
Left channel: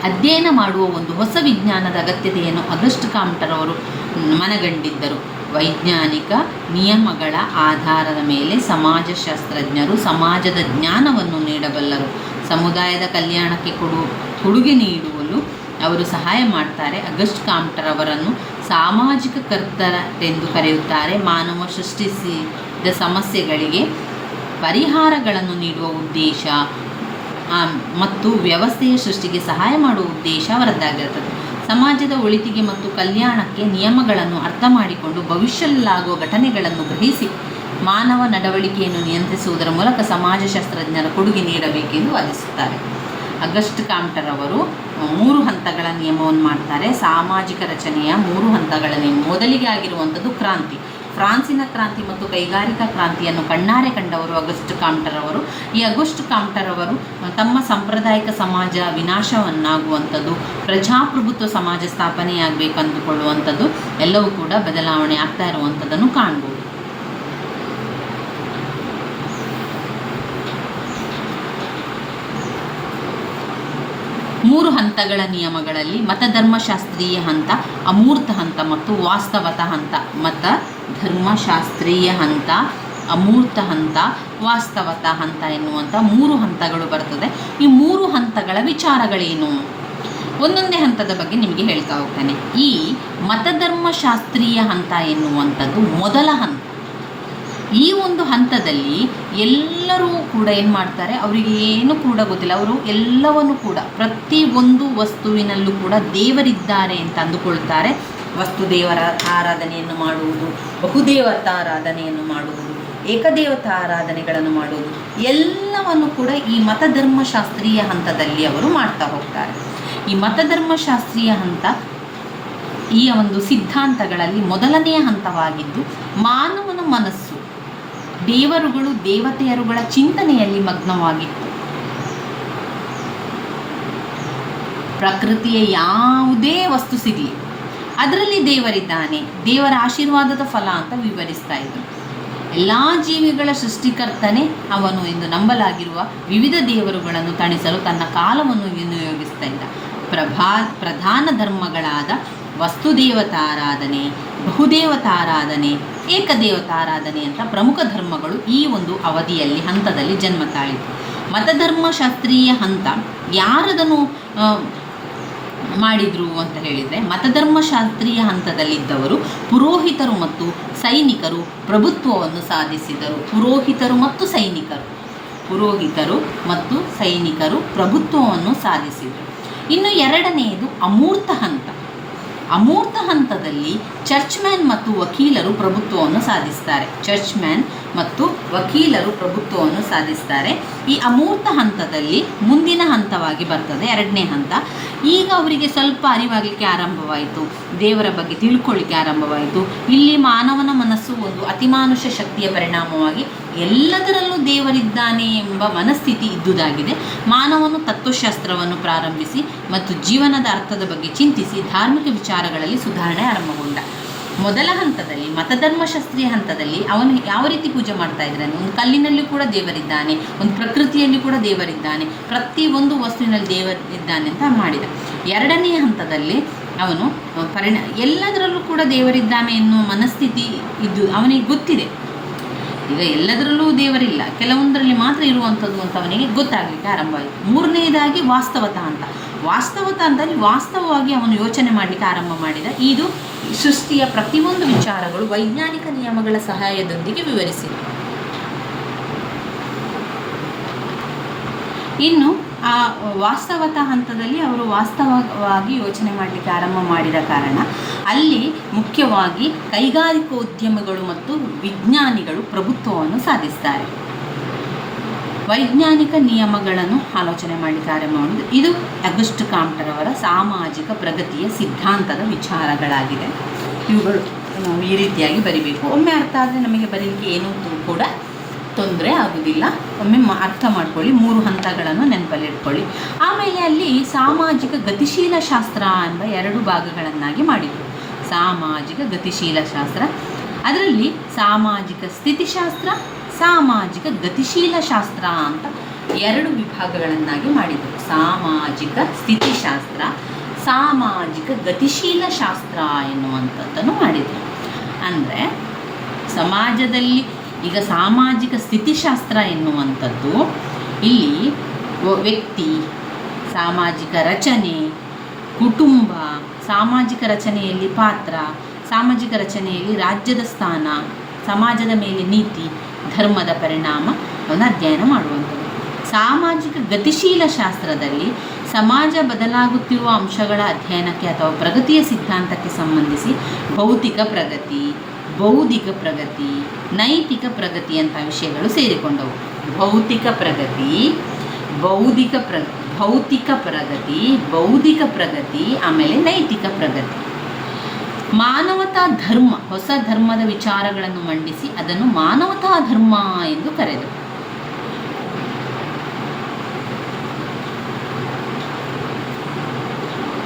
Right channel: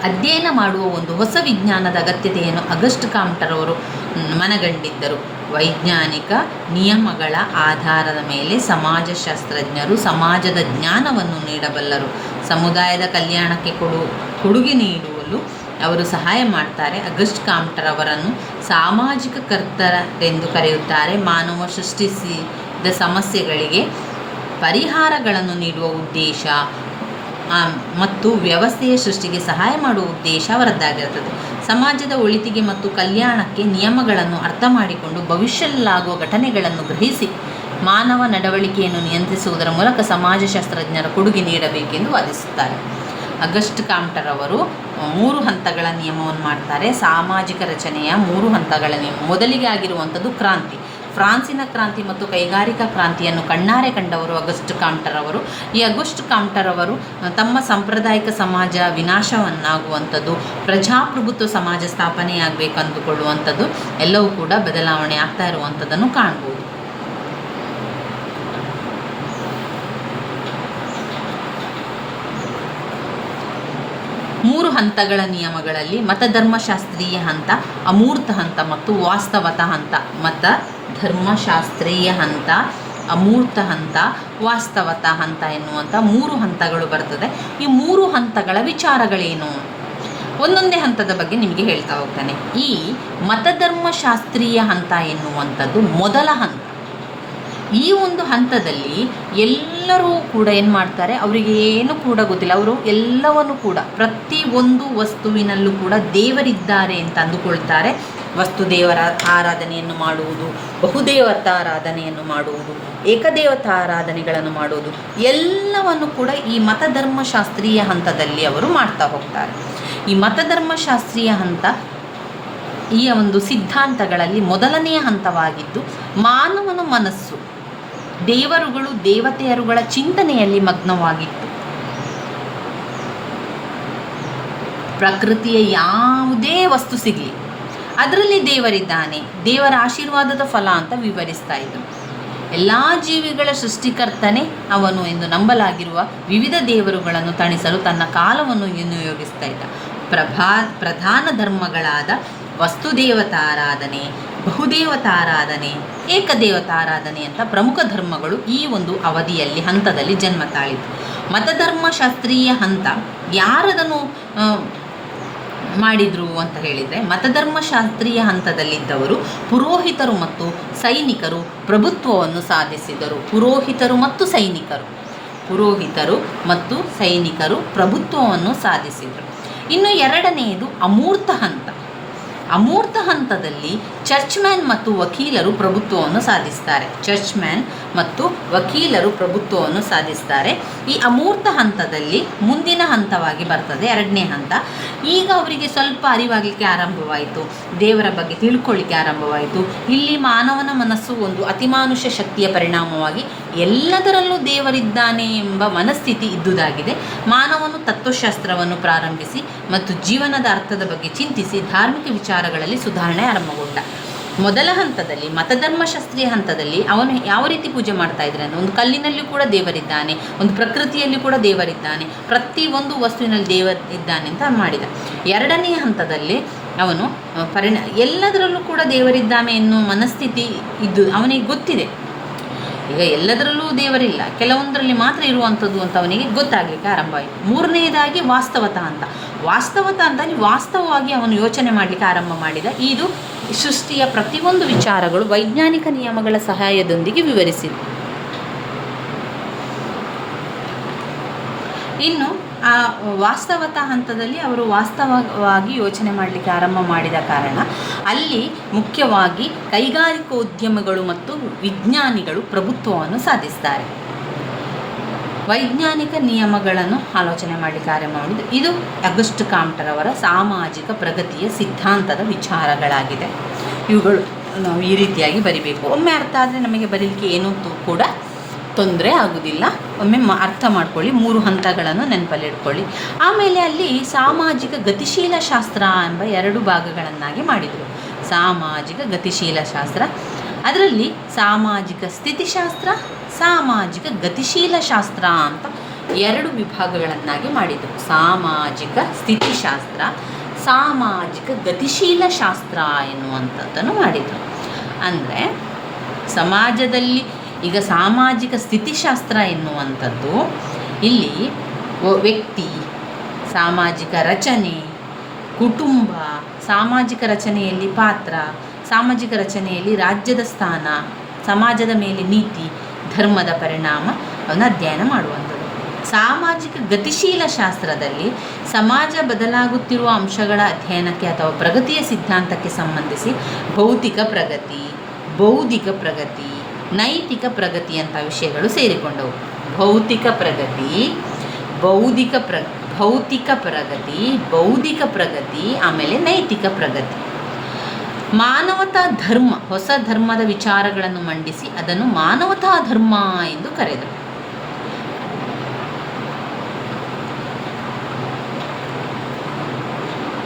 ಅಧ್ಯಯನ ಮಾಡುವ ಒಂದು ಹೊಸ ವಿಜ್ಞಾನದ ಅಗತ್ಯತೆಯನ್ನು ಅಗಸ್ಟ್ ಕಾಮ್ಟರ್ ಅವರು ಮನಗಂಡಿದ್ದರು. ವೈಜ್ಞಾನಿಕ ನಿಯಮಗಳ ಆಧಾರದ ಮೇಲೆ ಸಮಾಜಶಾಸ್ತ್ರಜ್ಞರು ಸಮಾಜದ ಜ್ಞಾನವನ್ನು ನೀಡಬಲ್ಲರು. ಸಮುದಾಯದ ಕಲ್ಯಾಣಕ್ಕೆ ಕೊಡುಗೆ ನೀಡಲು ಅವರು ಸಹಾಯ ಮಾಡ್ತಾರೆ. ಅಗಸ್ಟ್ ಕಾಮ್ಟರ್ ಅವರನ್ನು ಸಾಮಾಜಿಕ ಕರ್ತರೆಂದು ಕರೆಯುತ್ತಾರೆ. ಮಾನವ ಸೃಷ್ಟಿಸಿದ ಸಮಸ್ಯೆಗಳಿಗೆ ಪರಿಹಾರಗಳನ್ನು ನೀಡುವ ಉದ್ದೇಶ ಮತ್ತು ವ್ಯವಸ್ಥೆಯ ಸೃಷ್ಟಿಗೆ ಸಹಾಯ ಮಾಡುವ ಉದ್ದೇಶ ಅವರದ್ದಾಗಿರುತ್ತದೆ. ಸಮಾಜದ ಒಳಿತಿಗೆ ಮತ್ತು ಕಲ್ಯಾಣಕ್ಕೆ ನಿಯಮಗಳನ್ನು ಅರ್ಥ ಮಾಡಿಕೊಂಡು ಭವಿಷ್ಯದಲ್ಲಾಗುವ ಘಟನೆಗಳನ್ನು ಗ್ರಹಿಸಿ ಮಾನವ ನಡವಳಿಕೆಯನ್ನು ನಿಯಂತ್ರಿಸುವುದರ ಮೂಲಕ ಸಮಾಜಶಾಸ್ತ್ರಜ್ಞರ ಕೊಡುಗೆ ನೀಡಬೇಕೆಂದು ವಾದಿಸುತ್ತಾರೆ. ಅಗಸ್ಟ್ ಕಾಮ್ಟರ್ ಅವರು 3 ಹಂತಗಳ ನಿಯಮವನ್ನು ಮಾಡ್ತಾರೆ. ಸಾಮಾಜಿಕ ರಚನೆಯ 3 ಹಂತಗಳ ನಿಯಮ. ಮೊದಲಿಗೆ ಆಗಿರುವಂಥದ್ದು ಕ್ರಾಂತಿ. ಫ್ರಾನ್ಸಿನ ಕ್ರಾಂತಿ ಮತ್ತು ಕೈಗಾರಿಕಾ ಕ್ರಾಂತಿಯನ್ನು ಕಣ್ಣಾರೆ ಕಂಡವರು ಅಗಸ್ಟ್ ಕಾಮ್ಟರ್ ಅವರು. ಈ ಅಗಸ್ಟ್ ಕಾಮ್ಟರ್ ಅವರು ತಮ್ಮ ಸಾಂಪ್ರದಾಯಿಕ ಸಮಾಜ ವಿನಾಶವನ್ನಾಗುವಂಥದ್ದು, ಪ್ರಜಾಪ್ರಭುತ್ವ ಸಮಾಜ ಸ್ಥಾಪನೆಯಾಗಬೇಕಂದುಕೊಳ್ಳುವಂಥದ್ದು ಎಲ್ಲವೂ ಕೂಡ ಬದಲಾವಣೆ ಆಗ್ತಾ ಇರುವಂಥದ್ದನ್ನು ಕಾಣ್ಬೋದು. ಮೂರು ಹಂತಗಳ ನಿಯಮಗಳಲ್ಲಿ ಮತಧರ್ಮಶಾಸ್ತ್ರೀಯ ಹಂತ, ಅಮೂರ್ತ ಹಂತ ಮತ್ತು ವಾಸ್ತವತ ಹಂತ. ಮತಧರ್ಮಶಾಸ್ತ್ರೀಯ ಹಂತ, ಅಮೂರ್ತ ಹಂತ, ವಾಸ್ತವತ ಹಂತ ಎನ್ನುವಂಥ 3 ಹಂತಗಳು ಬರ್ತದೆ. ಈ 3 ಹಂತಗಳ ವಿಚಾರಗಳೇನು? ಒಂದೊಂದೇ ಹಂತದ ಬಗ್ಗೆ ನಿಮಗೆ ಹೇಳ್ತಾ ಹೋಗ್ತಾನೆ. ಈ ಮತಧರ್ಮಶಾಸ್ತ್ರೀಯ ಹಂತ ಎನ್ನುವಂಥದ್ದು ಮೊದಲ ಹಂತ. ಈ ಒಂದು ಹಂತದಲ್ಲಿ ಎಲ್ಲರೂ ಕೂಡ ಏನು ಮಾಡ್ತಾರೆ, ಅವರಿಗೆ ಏನು ಕೂಡ ಗೊತ್ತಿಲ್ಲ. ಅವರು ಎಲ್ಲವನ್ನು ಕೂಡ ಪ್ರತಿಯೊಂದು ವಸ್ತುವಿನಲ್ಲೂ ಕೂಡ ದೇವರಿದ್ದಾರೆ ಅಂತ ಅಂದುಕೊಳ್ತಾರೆ. ವಸ್ತು ದೇವರ ಆರಾಧನೆಯನ್ನು ಮಾಡುವುದು, ಬಹುದೇವತಾ ಆರಾಧನೆಯನ್ನು ಮಾಡುವುದು, ಏಕದೇವತಾ ಆರಾಧನೆಗಳನ್ನು ಮಾಡುವುದು ಎಲ್ಲವನ್ನು ಕೂಡ ಈ ಮತಧರ್ಮಶಾಸ್ತ್ರೀಯ ಹಂತದಲ್ಲಿ ಅವರು ಮಾಡ್ತಾ ಹೋಗ್ತಾರೆ. ಈ ಮತಧರ್ಮಶಾಸ್ತ್ರೀಯ ಹಂತ ಈ ಒಂದು ಸಿದ್ಧಾಂತಗಳಲ್ಲಿ ಮೊದಲನೆಯ ಹಂತವಾಗಿದ್ದು, ಮಾನವನ ಮನಸ್ಸು ದೇವರುಗಳು ದೇವತೆಯರುಗಳ ಚಿಂತನೆಯಲ್ಲಿ ಮಗ್ನವಾಗಿತ್ತು. ಪ್ರಕೃತಿಯ ಯಾವುದೇ ವಸ್ತು ಸಿಗಲಿ ಅದರಲ್ಲಿ ದೇವರಿದ್ದಾನೆ, ದೇವರ ಆಶೀರ್ವಾದದ ಫಲ ಅಂತ ವಿವರಿಸ್ತಾ ಇದ್ದರು. ಎಲ್ಲ ಜೀವಿಗಳ ಸೃಷ್ಟಿಕರ್ತನೇ ಅವನು ಎಂದು ನಂಬಲಾಗಿರುವ ವಿವಿಧ ದೇವರುಗಳನ್ನು ತಣಿಸಲು ತನ್ನ ಕಾಲವನ್ನು ವಿನಿಯೋಗಿಸ್ತಾ ಇದ್ದ. ಪ್ರಧಾನ ಧರ್ಮಗಳಾದ ವಸ್ತುದೇವತಾರಾಧನೆ, ಬಹುದೇವತಾರಾಧನೆ, ಏಕದೇವತಾರಾಧನೆ ಅಂತ ಪ್ರಮುಖ ಧರ್ಮಗಳು ಈ ಒಂದು ಅವಧಿಯಲ್ಲಿ ಹಂತದಲ್ಲಿ ಜನ್ಮ ತಾಳಿತು. ಮತಧರ್ಮಶಾಸ್ತ್ರೀಯ ಹಂತ ಯಾರದನ್ನು ಮಾಡಿದರು ಅಂತ ಹೇಳಿದರೆ, ಮತಧರ್ಮಶಾಸ್ತ್ರೀಯ ಹಂತದಲ್ಲಿದ್ದವರು ಪುರೋಹಿತರು ಮತ್ತು ಸೈನಿಕರು ಪ್ರಭುತ್ವವನ್ನು ಸಾಧಿಸಿದರು. ಪುರೋಹಿತರು ಮತ್ತು ಸೈನಿಕರು ಪ್ರಭುತ್ವವನ್ನು ಸಾಧಿಸಿದರು. ಇನ್ನು ಎರಡನೆಯದು ಅಮೂರ್ತ ಹಂತ. ಅಮೂರ್ತ ಹಂತದಲ್ಲಿ ಚರ್ಚ್ಮ್ಯಾನ್ ಮತ್ತು ವಕೀಲರು ಪ್ರಭುತ್ವವನ್ನು ಸಾಧಿಸ್ತಾರೆ. ಈ ಅಮೂರ್ತ ಹಂತದಲ್ಲಿ ಮುಂದಿನ ಹಂತವಾಗಿ ಬರ್ತದೆ ಎರಡನೇ ಹಂತ. ಈಗ ಅವರಿಗೆ ಸ್ವಲ್ಪ ಅರಿವಾಗಲಿಕ್ಕೆ ಆರಂಭವಾಯಿತು, ದೇವರ ಬಗ್ಗೆ ತಿಳ್ಕೊಳ್ಳಿಕ್ಕೆ ಆರಂಭವಾಯಿತು. ಇಲ್ಲಿ ಮಾನವನ ಮನಸ್ಸು ಒಂದು ಅತಿಮಾನುಷ ಶಕ್ತಿಯ ಪರಿಣಾಮವಾಗಿ ಎಲ್ಲದರಲ್ಲೂ ದೇವರಿದ್ದಾನೆ ಎಂಬ ಮನಸ್ಥಿತಿ ಇದ್ದುದಾಗಿದೆ. ಮಾನವನು ತತ್ವಶಾಸ್ತ್ರವನ್ನು ಪ್ರಾರಂಭಿಸಿ ಮತ್ತು ಜೀವನದ ಅರ್ಥದ ಬಗ್ಗೆ ಚಿಂತಿಸಿ ಧಾರ್ಮಿಕ ವಿಚಾರಗಳಲ್ಲಿ ಸುಧಾರಣೆ ಆರಂಭಗೊಂಡ. ಮೊದಲ ಹಂತದಲ್ಲಿ, ಮತಧರ್ಮಶಾಸ್ತ್ರೀಯ ಹಂತದಲ್ಲಿ, ಅವನು ಯಾವ ರೀತಿ ಪೂಜೆ ಮಾಡ್ತಾ ಇದ್ರೆ ಅಂದರೆ, ಒಂದು ಕಲ್ಲಿನಲ್ಲಿ ಕೂಡ ದೇವರಿದ್ದಾನೆ, ಒಂದು ಪ್ರಕೃತಿಯಲ್ಲಿ ಕೂಡ ದೇವರಿದ್ದಾನೆ, ಪ್ರತಿಯೊಂದು ವಸ್ತುವಿನಲ್ಲಿ ದೇವರಿದ್ದಾನೆ ಅಂತ ಮಾಡಿದ. ಎರಡನೇ ಹಂತದಲ್ಲಿ ಅವನು ಎಲ್ಲದರಲ್ಲೂ ಕೂಡ ದೇವರಿದ್ದಾನೆ ಎನ್ನುವ ಮನಸ್ಥಿತಿ ಇದ್ದು ಅವನಿಗೆ ಗೊತ್ತಿದೆ. ಈಗ ಎಲ್ಲದರಲ್ಲೂ ದೇವರಿಲ್ಲ, ಕೆಲವೊಂದರಲ್ಲಿ ಮಾತ್ರ ಇರುವಂಥದ್ದು ಅಂತ ಅವನಿಗೆ ಗೊತ್ತಾಗಲಿಕ್ಕೆ ಆರಂಭ ಆಯಿತು. ಮೂರನೆಯದಾಗಿ ವಾಸ್ತವತ ಅಂತ. ಅಂದರೆ ವಾಸ್ತವವಾಗಿ ಅವನು ಯೋಚನೆ ಮಾಡಲಿಕ್ಕೆ ಆರಂಭ ಮಾಡಿದ. ಇದು ಸೃಷ್ಟಿಯ ಪ್ರತಿಯೊಂದು ವಿಚಾರಗಳು ವೈಜ್ಞಾನಿಕ ನಿಯಮಗಳ ಸಹಾಯದೊಂದಿಗೆ ವಿವರಿಸಿದ. ಇನ್ನು ಆ ವಾಸ್ತವತ ಹಂತದಲ್ಲಿ ಅವರು ವಾಸ್ತವವಾಗಿ ಯೋಚನೆ ಮಾಡಲಿಕ್ಕೆ ಆರಂಭ ಮಾಡಿದ ಕಾರಣ ಅಲ್ಲಿ ಮುಖ್ಯವಾಗಿ ಕೈಗಾರಿಕೋದ್ಯಮಗಳು ಮತ್ತು ವಿಜ್ಞಾನಿಗಳು ಪ್ರಭುತ್ವವನ್ನು ಸಾಧಿಸ್ತಾರೆ. ವೈಜ್ಞಾನಿಕ ನಿಯಮಗಳನ್ನು ಆಲೋಚನೆ ಮಾಡಲಿಕ್ಕೆ ಆರಂಭ ಮಾಡಿದ್ದು. ಇದು ಅಗಸ್ಟ್ ಕಾಮ್ಟರವರ ಸಾಮಾಜಿಕ ಪ್ರಗತಿಯ ಸಿದ್ಧಾಂತದ ವಿಚಾರಗಳಾಗಿದೆ. ಇವುಗಳು ನಾವು ಈ ರೀತಿಯಾಗಿ ಬರಿಬೇಕು. ಒಮ್ಮೆ ಅರ್ಥ ಆದರೆ ನಮಗೆ ಬರೀಲಿಕ್ಕೆ ಏನೂ ಕೂಡ ತೊಂದರೆ ಆಗೋದಿಲ್ಲ. ಒಮ್ಮೆ ಅರ್ಥ ಮಾಡ್ಕೊಳ್ಳಿ, 3 ಹಂತಗಳನ್ನು ನೆನಪಲ್ಲಿಟ್ಕೊಳ್ಳಿ. ಆಮೇಲೆ ಅಲ್ಲಿ ಸಾಮಾಜಿಕ ಗತಿಶೀಲ ಶಾಸ್ತ್ರ ಎಂಬ 2 ಭಾಗಗಳನ್ನಾಗಿ ಮಾಡಿದರು. ಸಾಮಾಜಿಕ ಗತಿಶೀಲ ಶಾಸ್ತ್ರ, ಅದರಲ್ಲಿ ಸಾಮಾಜಿಕ ಸ್ಥಿತಿಶಾಸ್ತ್ರ, ಸಾಮಾಜಿಕ ಗತಿಶೀಲ ಶಾಸ್ತ್ರ ಅಂತ 2 ವಿಭಾಗಗಳನ್ನಾಗಿ ಮಾಡಿದರು. ಸಾಮಾಜಿಕ ಸ್ಥಿತಿಶಾಸ್ತ್ರ, ಸಾಮಾಜಿಕ ಗತಿಶೀಲ ಶಾಸ್ತ್ರ ಎನ್ನುವಂಥದ್ದನ್ನು ಮಾಡಿದರು. ಅಂದರೆ ಸಮಾಜದಲ್ಲಿ ಈಗ ಸಾಮಾಜಿಕ ಸ್ಥಿತಿಶಾಸ್ತ್ರ ಎನ್ನುವಂಥದ್ದು ಇಲ್ಲಿ ವ್ಯಕ್ತಿ, ಸಾಮಾಜಿಕ ರಚನೆ, ಕುಟುಂಬ, ಸಾಮಾಜಿಕ ರಚನೆಯಲ್ಲಿ ಪಾತ್ರ, ಸಾಮಾಜಿಕ ರಚನೆಯಲ್ಲಿ ರಾಜ್ಯದ ಸ್ಥಾನ, ಸಮಾಜದ ಮೇಲೆ ನೀತಿ, ಧರ್ಮದ ಪರಿಣಾಮವನ್ನು ಅಧ್ಯಯನ ಮಾಡುವಂಥದ್ದು. ಸಾಮಾಜಿಕ ಗತಿಶೀಲ ಶಾಸ್ತ್ರದಲ್ಲಿ ಸಮಾಜ ಬದಲಾಗುತ್ತಿರುವ ಅಂಶಗಳ ಅಧ್ಯಯನಕ್ಕೆ ಅಥವಾ ಪ್ರಗತಿಯ ಸಿದ್ಧಾಂತಕ್ಕೆ ಸಂಬಂಧಿಸಿ ಭೌತಿಕ ಪ್ರಗತಿ, ಬೌದ್ಧಿಕ ಪ್ರಗತಿ, ನೈತಿಕ ಪ್ರಗತಿ ಅಂತ ವಿಷಯಗಳು ಸೇರಿಕೊಂಡವು. ಭೌತಿಕ ಪ್ರಗತಿ, ಬೌದ್ಧಿಕ ಪ್ರಗತಿ, ಆಮೇಲೆ ನೈತಿಕ ಪ್ರಗತಿ. ಮಾನವತಾ ಧರ್ಮ, ಹೊಸ ಧರ್ಮದ ವಿಚಾರಗಳನ್ನು ಮಂಡಿಸಿ ಅದನ್ನು ಮಾನವತಾ ಧರ್ಮ ಎಂದು ಕರೆದರು.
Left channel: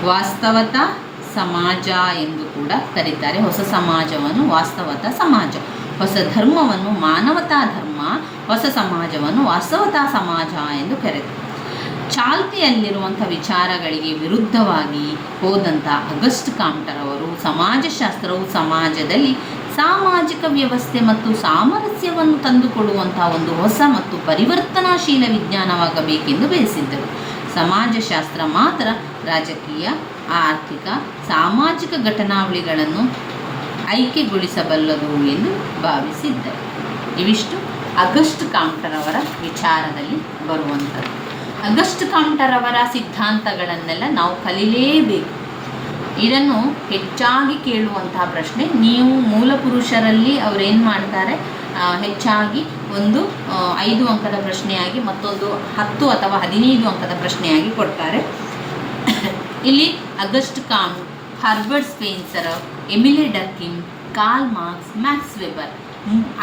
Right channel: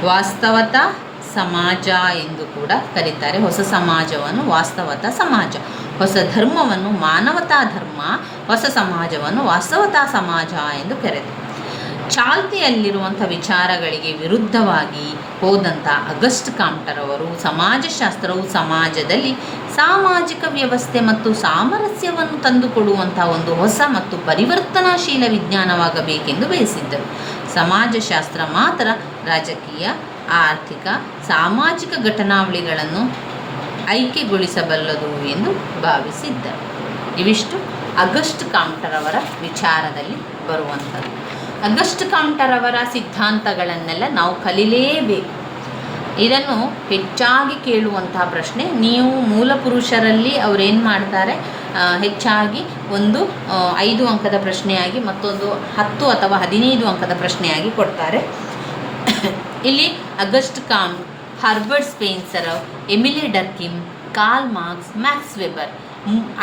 ವಾಸ್ತವತಾ ಸಮಾಜ ಎಂದು ಕೂಡ ಕರೀತಾರೆ. ಹೊಸ ಸಮಾಜವನ್ನು ವಾಸ್ತವತಾ ಸಮಾಜ, ಹೊಸ ಧರ್ಮವನ್ನು ಮಾನವತಾ ಧರ್ಮ, ಹೊಸ ಸಮಾಜವನ್ನು ವಾಸ್ತವತಾ ಸಮಾಜ ಎಂದು ಕರೆದರು. ಚಾಲ್ತಿಯಲ್ಲಿರುವಂಥ ವಿಚಾರಗಳಿಗೆ ವಿರುದ್ಧವಾಗಿ ಹೋದಂಥ ಅಗಸ್ಟ್ ಕಾಮ್ಟರವರು ಸಮಾಜಶಾಸ್ತ್ರವು ಸಮಾಜದಲ್ಲಿ ಸಾಮಾಜಿಕ ವ್ಯವಸ್ಥೆ ಮತ್ತು ಸಾಮರಸ್ಯವನ್ನು ತಂದುಕೊಡುವಂಥ ಒಂದು ಹೊಸ ಮತ್ತು ಪರಿವರ್ತನಾಶೀಲ ವಿಜ್ಞಾನವಾಗಬೇಕೆಂದು ಬಯಸಿದ್ದರು. ಸಮಾಜಶಾಸ್ತ್ರ ಮಾತ್ರ ರಾಜಕೀಯ, ಆರ್ಥಿಕ, ಸಾಮಾಜಿಕ ಘಟನಾವಳಿಗಳನ್ನು ಐಕ್ಯಗೊಳಿಸಬಲ್ಲದು ಎಂದು ಭಾವಿಸಿದ್ದರು. ಇವಿಷ್ಟು ಅಗಸ್ಟ್ ಕಾಮ್ಟರವರ ವಿಚಾರದಲ್ಲಿ ಬರುವಂಥದ್ದು. ಅಗಸ್ಟ್ ಕಾಮ್ಟರವರ ಸಿದ್ಧಾಂತಗಳನ್ನೆಲ್ಲ ನಾವು ಕಲಿಯಲೇಬೇಕು. ಇದನ್ನು ಹೆಚ್ಚಾಗಿ ಕೇಳುವಂತಹ ಪ್ರಶ್ನೆ. ನೀವು ಮೂಲ ಪುರುಷರಲ್ಲಿ ಅವರೇನು ಮಾಡ್ತಾರೆ, ಹೆಚ್ಚಾಗಿ ಒಂದು 5 ಅಂಕದ ಪ್ರಶ್ನೆಯಾಗಿ, ಮತ್ತೊಂದು 10 ಅಥವಾ 15 ಅಂಕದ ಪ್ರಶ್ನೆಯಾಗಿ ಕೊಡ್ತಾರೆ. ಇಲ್ಲಿ Auguste Comte, Herbert Spencer, Emile Durkheim, Karl Marx, Max Weber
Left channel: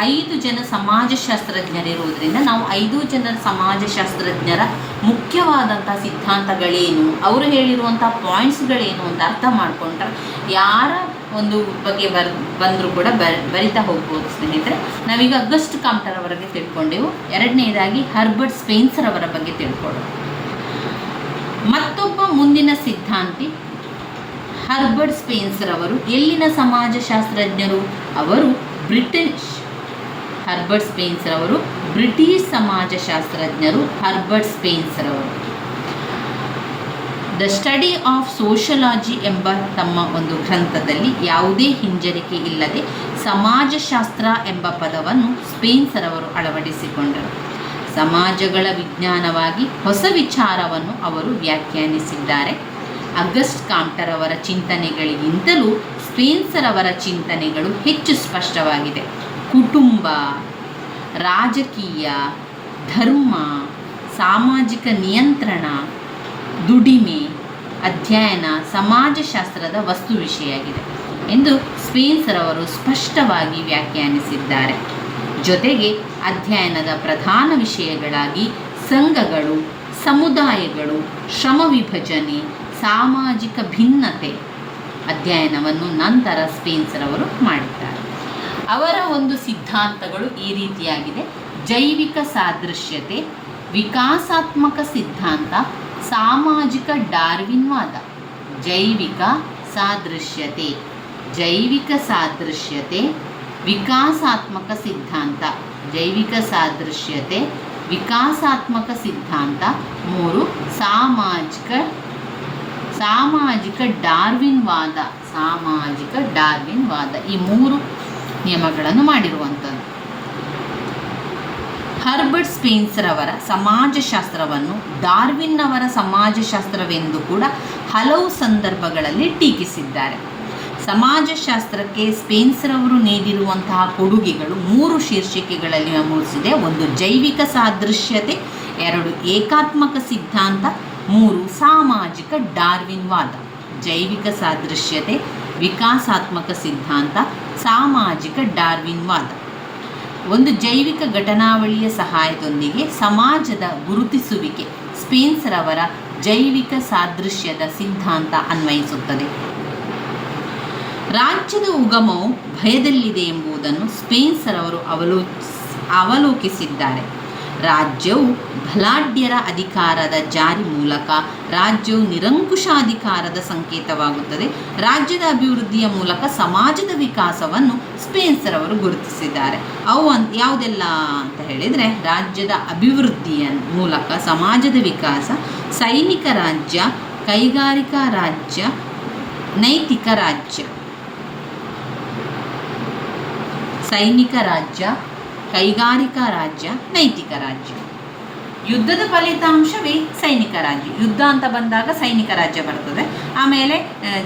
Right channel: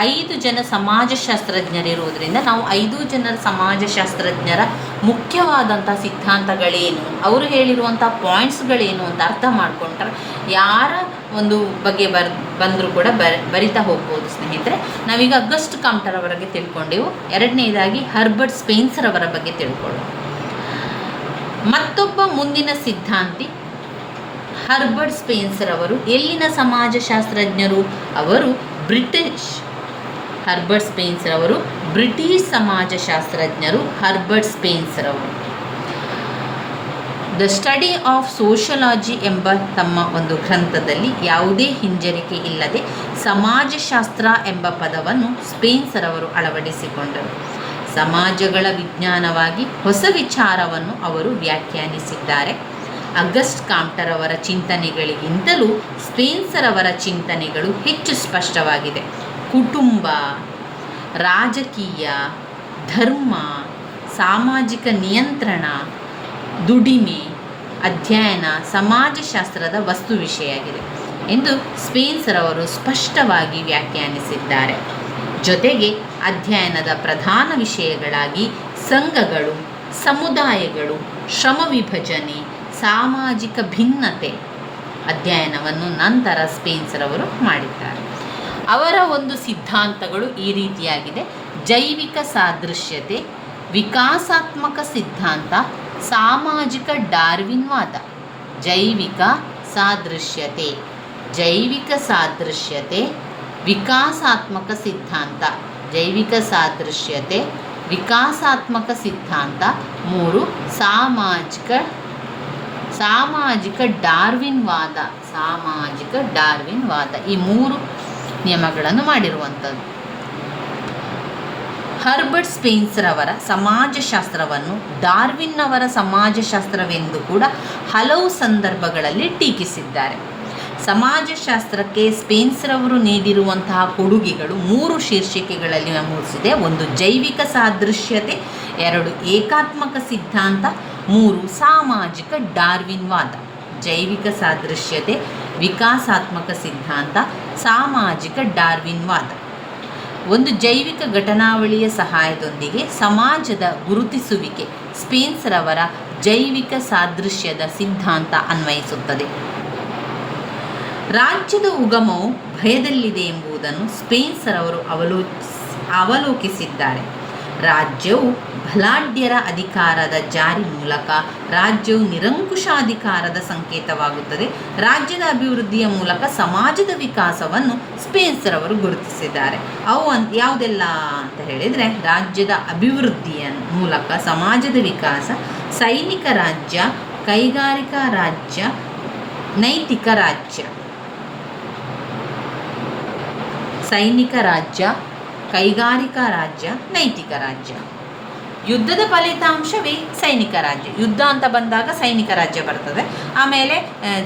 5 ಜನ ಸಮಾಜಶಾಸ್ತ್ರಜ್ಞರಿರುವುದರಿಂದ ನಾವು 5 ಜನ ಸಮಾಜಶಾಸ್ತ್ರಜ್ಞರ ಮುಖ್ಯವಾದಂಥ ಸಿದ್ಧಾಂತಗಳೇನು, ಅವರು ಹೇಳಿರುವಂಥ ಪಾಯಿಂಟ್ಸ್ಗಳೇನು ಅಂತ ಅರ್ಥ ಮಾಡಿಕೊಂಡ್ರೆ ಯಾರ ಒಂದು ಬಗ್ಗೆ ಬಂದರೂ ಕೂಡ ಬರಿತಾ ಹೋಗ್ಬೋದು ಸ್ನೇಹಿತರೆ. ನಾವೀಗ ಅಗಸ್ಟ್ ಕಾಮ್ಟರ್ ಅವರ ಬಗ್ಗೆ ತಿಳ್ಕೊಂಡೆವು. ಎರಡನೇದಾಗಿ ಹರ್ಬರ್ಟ್ ಸ್ಪೆನ್ಸರ್ ಅವರ ಬಗ್ಗೆ ತಿಳ್ಕೊಳ್ಳೋಣ. ಮತ್ತೊಬ್ಬ ಮುಂದಿನ ಸಿದ್ಧಾಂತಿ ಹರ್ಬರ್ಟ್ ಸ್ಪೆನ್ಸರ್ ಅವರು ಎಲ್ಲಿನ ಸಮಾಜಶಾಸ್ತ್ರಜ್ಞರು? ಅವರು ಹರ್ಬರ್ಟ್ ಸ್ಪೆನ್ಸರ್ ಅವರು ಬ್ರಿಟಿಷ್ ಸಮಾಜಶಾಸ್ತ್ರಜ್ಞರು. ಹರ್ಬರ್ಟ್ ಸ್ಪೆನ್ಸರ್ ಅವರು ದ ಸ್ಟಡಿ ಆಫ್ ಸೋಷಿಯಾಲಜಿ ಎಂಬ ತಮ್ಮ ಒಂದು ಗ್ರಂಥದಲ್ಲಿ ಯಾವುದೇ ಹಿಂಜರಿಕೆ ಇಲ್ಲದೆ ಸಮಾಜಶಾಸ್ತ್ರ ಎಂಬ ಪದವನ್ನು ಸ್ಪೆನ್ಸರ್ ಅವರು ಅಳವಡಿಸಿಕೊಂಡರು. ಸಮಾಜಗಳ ವಿಜ್ಞಾನವಾಗಿ ಹೊಸ ವಿಚಾರವನ್ನು ಅವರು ವ್ಯಾಖ್ಯಾನಿಸಿದ್ದಾರೆ. ಅಗಸ್ಟ್ ಕಾಮ್ಟರ್ ಅವರ ಚಿಂತನೆಗಳಿಗಿಂತಲೂ ಸ್ಪೆನ್ಸರ್ ಅವರ ಚಿಂತನೆಗಳು ಹೆಚ್ಚು ಸ್ಪಷ್ಟವಾಗಿದೆ. ಕುಟುಂಬ, ರಾಜಕೀಯ, ಧರ್ಮ, ಸಾಮಾಜಿಕ ನಿಯಂತ್ರಣ, ದುಡಿಮೆ ಅಧ್ಯಯನ ಸಮಾಜಶಾಸ್ತ್ರದ ವಸ್ತು ವಿಷಯಾಗಿದೆ ಎಂದು ಸ್ಪೆನ್ಸರ್ ಅವರು ಸ್ಪಷ್ಟವಾಗಿ ವ್ಯಾಖ್ಯಾನಿಸಿದ್ದಾರೆ. ಜೊತೆಗೆ ಅಧ್ಯಯನದ ಪ್ರಧಾನ ವಿಷಯಗಳಾಗಿ ಸಂಘಗಳು, ಸಮುದಾಯಗಳು, ಶ್ರಮ ವಿಭಜನೆ, ಸಾಮಾಜಿಕ ಭಿನ್ನತೆ ಅಧ್ಯಯನವನ್ನು ನಂತರ ಸ್ಪೆನ್ಸರ್ ಅವರು ಮಾಡಿದ್ದಾರೆ. ಅವರ ಒಂದು ಸಿದ್ಧಾಂತಗಳು ಈ ರೀತಿಯಾಗಿದೆ: ಜೈವಿಕ ಸಾದೃಶ್ಯತೆ, ವಿಕಾಸಾತ್ಮಕ ಸಿದ್ಧಾಂತ, ಸಾಮಾಜಿಕ ಡಾರ್ವಿನ್ವಾದ. ಜೈವಿಕ ಸಾದೃಶ್ಯತೆ, ವಿಕಾಸಾತ್ಮಕ ಸಿದ್ಧಾಂತ, ಜೈವಿಕ ಸಾದೃಶ್ಯತೆ, ವಿಕಾಸಾತ್ಮಕ ಸಿದ್ಧಾಂತ. 3 ಸಾಮಾಜಿಕ ಡಾರ್ವಿನ್ವಾದ. ಈ 3 ನಿಯಮಗಳನ್ನು ಮಾಡಿರುವಂಥದ್ದು. ಹರ್ಬರ್ಟ್ ಸ್ಪೆನ್ಸರ್ ಅವರ ಸಮಾಜಶಾಸ್ತ್ರವನ್ನು ಡಾರ್ವಿನ್ ಅವರ ಸಮಾಜಶಾಸ್ತ್ರವೆಂದು ಕೂಡ ಹಲವು ಸಂದರ್ಭಗಳಲ್ಲಿ ಟೀಕಿಸಿದ್ದಾರೆ. ಸಮಾಜಶಾಸ್ತ್ರಕ್ಕೆ ಸ್ಪೆನ್ಸರ್ ಅವರು ನೀಡಿರುವಂತಹ ಕೊಡುಗೆಗಳು 3 ಶೀರ್ಷಿಕೆಗಳಲ್ಲಿ ನಮೂದಿಸಿದೆ. 1 ಜೈವಿಕ ಸಾದೃಶ್ಯತೆ, 2 ಏಕಾತ್ಮಕ ಸಿದ್ಧಾಂತ, 3 ಸಾಮಾಜಿಕ ಡಾರ್ವಿನ್ವಾದ. ಜೈವಿಕ ಸಾದೃಶ್ಯತೆ, ವಿಕಾಸಾತ್ಮಕ ಸಿದ್ಧಾಂತ, ಸಾಮಾಜಿಕ ಡಾರ್ವಿನ್ವಾದ. ಒಂದು ಜೈವಿಕ ಘಟನಾವಳಿಯ ಸಹಾಯದೊಂದಿಗೆ ಸಮಾಜದ ಗುರುತಿಸುವಿಕೆ ಸ್ಪೆನ್ಸರ್ ಅವರ ಜೈವಿಕ ಸಾದೃಶ್ಯದ ಸಿದ್ಧಾಂತ ಅನ್ವಯಿಸುತ್ತದೆ. ರಾಜ್ಯದ ಉಗಮವು ಭಯದಲ್ಲಿದೆ ಎಂಬುದನ್ನು ಸ್ಪೆನ್ಸರ್ ಅವರು ಅವಲೋಕಿಸಿದ್ದಾರೆ. ರಾಜ್ಯವು ಬಲಾಢ್ಯರ ಅಧಿಕಾರದ ಜಾರಿ ಮೂಲಕ ರಾಜ್ಯವು ನಿರಂಕುಶಾಧಿಕಾರದ ಸಂಕೇತವಾಗುತ್ತದೆ. ರಾಜ್ಯದ ಅಭಿವೃದ್ಧಿಯ ಮೂಲಕ ಸಮಾಜದ ವಿಕಾಸವನ್ನು ಸ್ಪೆನ್ಸರ್ ಅವರು ಗುರುತಿಸಿದ್ದಾರೆ. ಅವು ಯಾವುದೆಲ್ಲ ಅಂತ ಹೇಳಿದರೆ, ರಾಜ್ಯದ ಅಭಿವೃದ್ಧಿಯ ಮೂಲಕ ಸಮಾಜದ ವಿಕಾಸ, ಸೈನಿಕ ರಾಜ್ಯ, ಕೈಗಾರಿಕಾ ರಾಜ್ಯ, ನೈತಿಕ ರಾಜ್ಯ. ಸೈನಿಕ ರಾಜ್ಯ, ಕೈಗಾರಿಕಾ ರಾಜ್ಯ, ನೈತಿಕ ರಾಜ್ಯ. ಯುದ್ಧದ ಫಲಿತಾಂಶವೇ ಸೈನಿಕ ರಾಜ್ಯ. ಯುದ್ಧ ಅಂತ ಬಂದಾಗ ಸೈನಿಕ ರಾಜ್ಯ ಬರ್ತದೆ. ಆಮೇಲೆ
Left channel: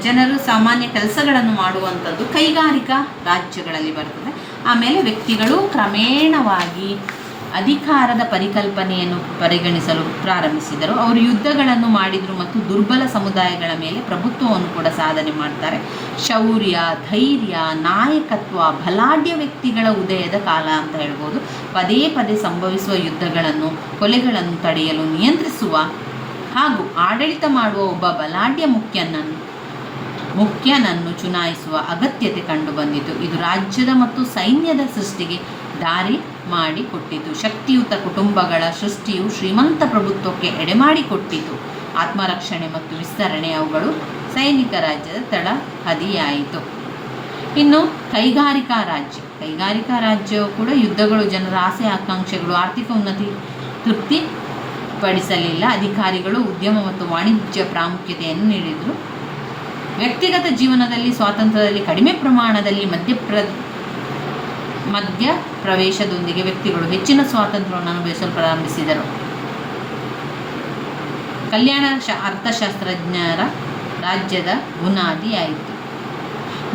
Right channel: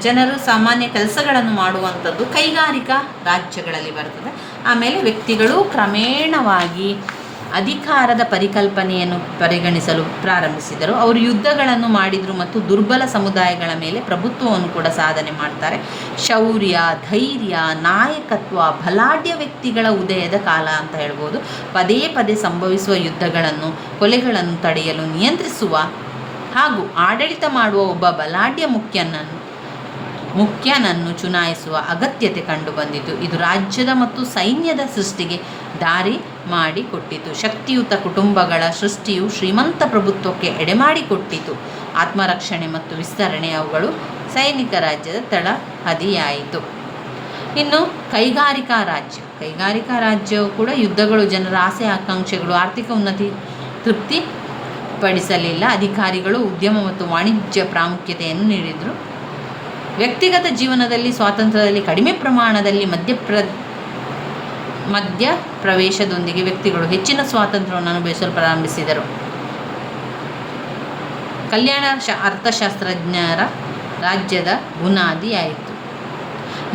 ಜನರು ಸಾಮಾನ್ಯ ಕೆಲಸಗಳನ್ನು ಮಾಡುವಂಥದ್ದು ಕೈಗಾರಿಕಾ ರಾಜ್ಯಗಳಲ್ಲಿ ಬರ್ತದೆ. ಆಮೇಲೆ ವ್ಯಕ್ತಿಗಳು ಕ್ರಮೇಣವಾಗಿ ಅಧಿಕಾರದ ಪರಿಕಲ್ಪನೆಯನ್ನು ಪರಿಗಣಿಸಲು ಪ್ರಾರಂಭಿಸಿದರು. ಅವರು ಯುದ್ಧಗಳನ್ನು ಮಾಡಿದರು ಮತ್ತು ದುರ್ಬಲ ಸಮುದಾಯಗಳ ಮೇಲೆ ಪ್ರಭುತ್ವವನ್ನು ಕೂಡ ಸಾಧನೆ ಮಾಡ್ತಾರೆ. ಶೌರ್ಯ, ಧೈರ್ಯ, ನಾಯಕತ್ವ, ಬಲಾಢ್ಯ ವ್ಯಕ್ತಿಗಳ ಉದಯದ ಕಾಲ ಅಂತ ಹೇಳ್ಬೋದು. ಪದೇ ಪದೇ ಸಂಭವಿಸುವ ಯುದ್ಧಗಳನ್ನು, ಕೊಲೆಗಳನ್ನು ತಡೆಯಲು ನಿಯಂತ್ರಿಸುವ ಹಾಗೂ ಆಡಳಿತ ಮಾಡುವ ಒಬ್ಬ ಬಲಾಢ್ಯ ಮುಖ್ಯನನ್ನು ಚುನಾಯಿಸುವ ಅಗತ್ಯತೆ ಕಂಡುಬಂದಿತು. ಇದು ರಾಜ್ಯದ ಮತ್ತು ಸೈನ್ಯದ ಸೃಷ್ಟಿಗೆ ದಾರಿ ಮಾಡಿಕೊಟ್ಟಿತು. ಶಕ್ತಿಯುತ ಕುಟುಂಬಗಳ ಸೃಷ್ಟಿಯು ಶ್ರೀಮಂತ ಪ್ರಭುತ್ವಕ್ಕೆ ಎಡೆಮಾಡಿಕೊಟ್ಟಿತು. ಆತ್ಮರಕ್ಷಣೆ ಮತ್ತು ವಿಸ್ತರಣೆ ಅವುಗಳು ಸೈನಿಕ ರಾಜ್ಯದ ತಳಹದಿಯಾಯಿತು. ಇನ್ನು ಕೈಗಾರಿಕಾ ರಾಜ್ಯವು ಕೂಡ ಯುದ್ಧಗಳು, ಜನರ ಆಸೆ ಆಕಾಂಕ್ಷೆಗಳು, ಆರ್ಥಿಕ ಉನ್ನತಿ ತೃಪ್ತಿಪಡಿಸಲಿಲ್ಲ. ಅಧಿಕಾರಿಗಳು ಉದ್ಯಮ ಮತ್ತು ವಾಣಿಜ್ಯ ಪ್ರಾಮುಖ್ಯತೆಯನ್ನು ನೀಡಿದರು. ವ್ಯಕ್ತಿಗತ ಜೀವನದಲ್ಲಿ ಸ್ವಾತಂತ್ರ್ಯದಲ್ಲಿ ಕಡಿಮೆ ಪ್ರಮಾಣದಲ್ಲಿ ಮಧ್ಯ ಪ್ರವೇಶದೊಂದಿಗೆ ವ್ಯಕ್ತಿಗಳು ಹೆಚ್ಚಿನ ಸ್ವಾತಂತ್ರ್ಯವನ್ನು ಅನುಭವಿಸಲು ಪ್ರಾರಂಭಿಸಿದರು. ಕಲ್ಯಾಣ ಅರ್ಥಶಾಸ್ತ್ರಜ್ಞರ ರಾಜ್ಯದ ಬುನಾದಿಯಾಯಿತು.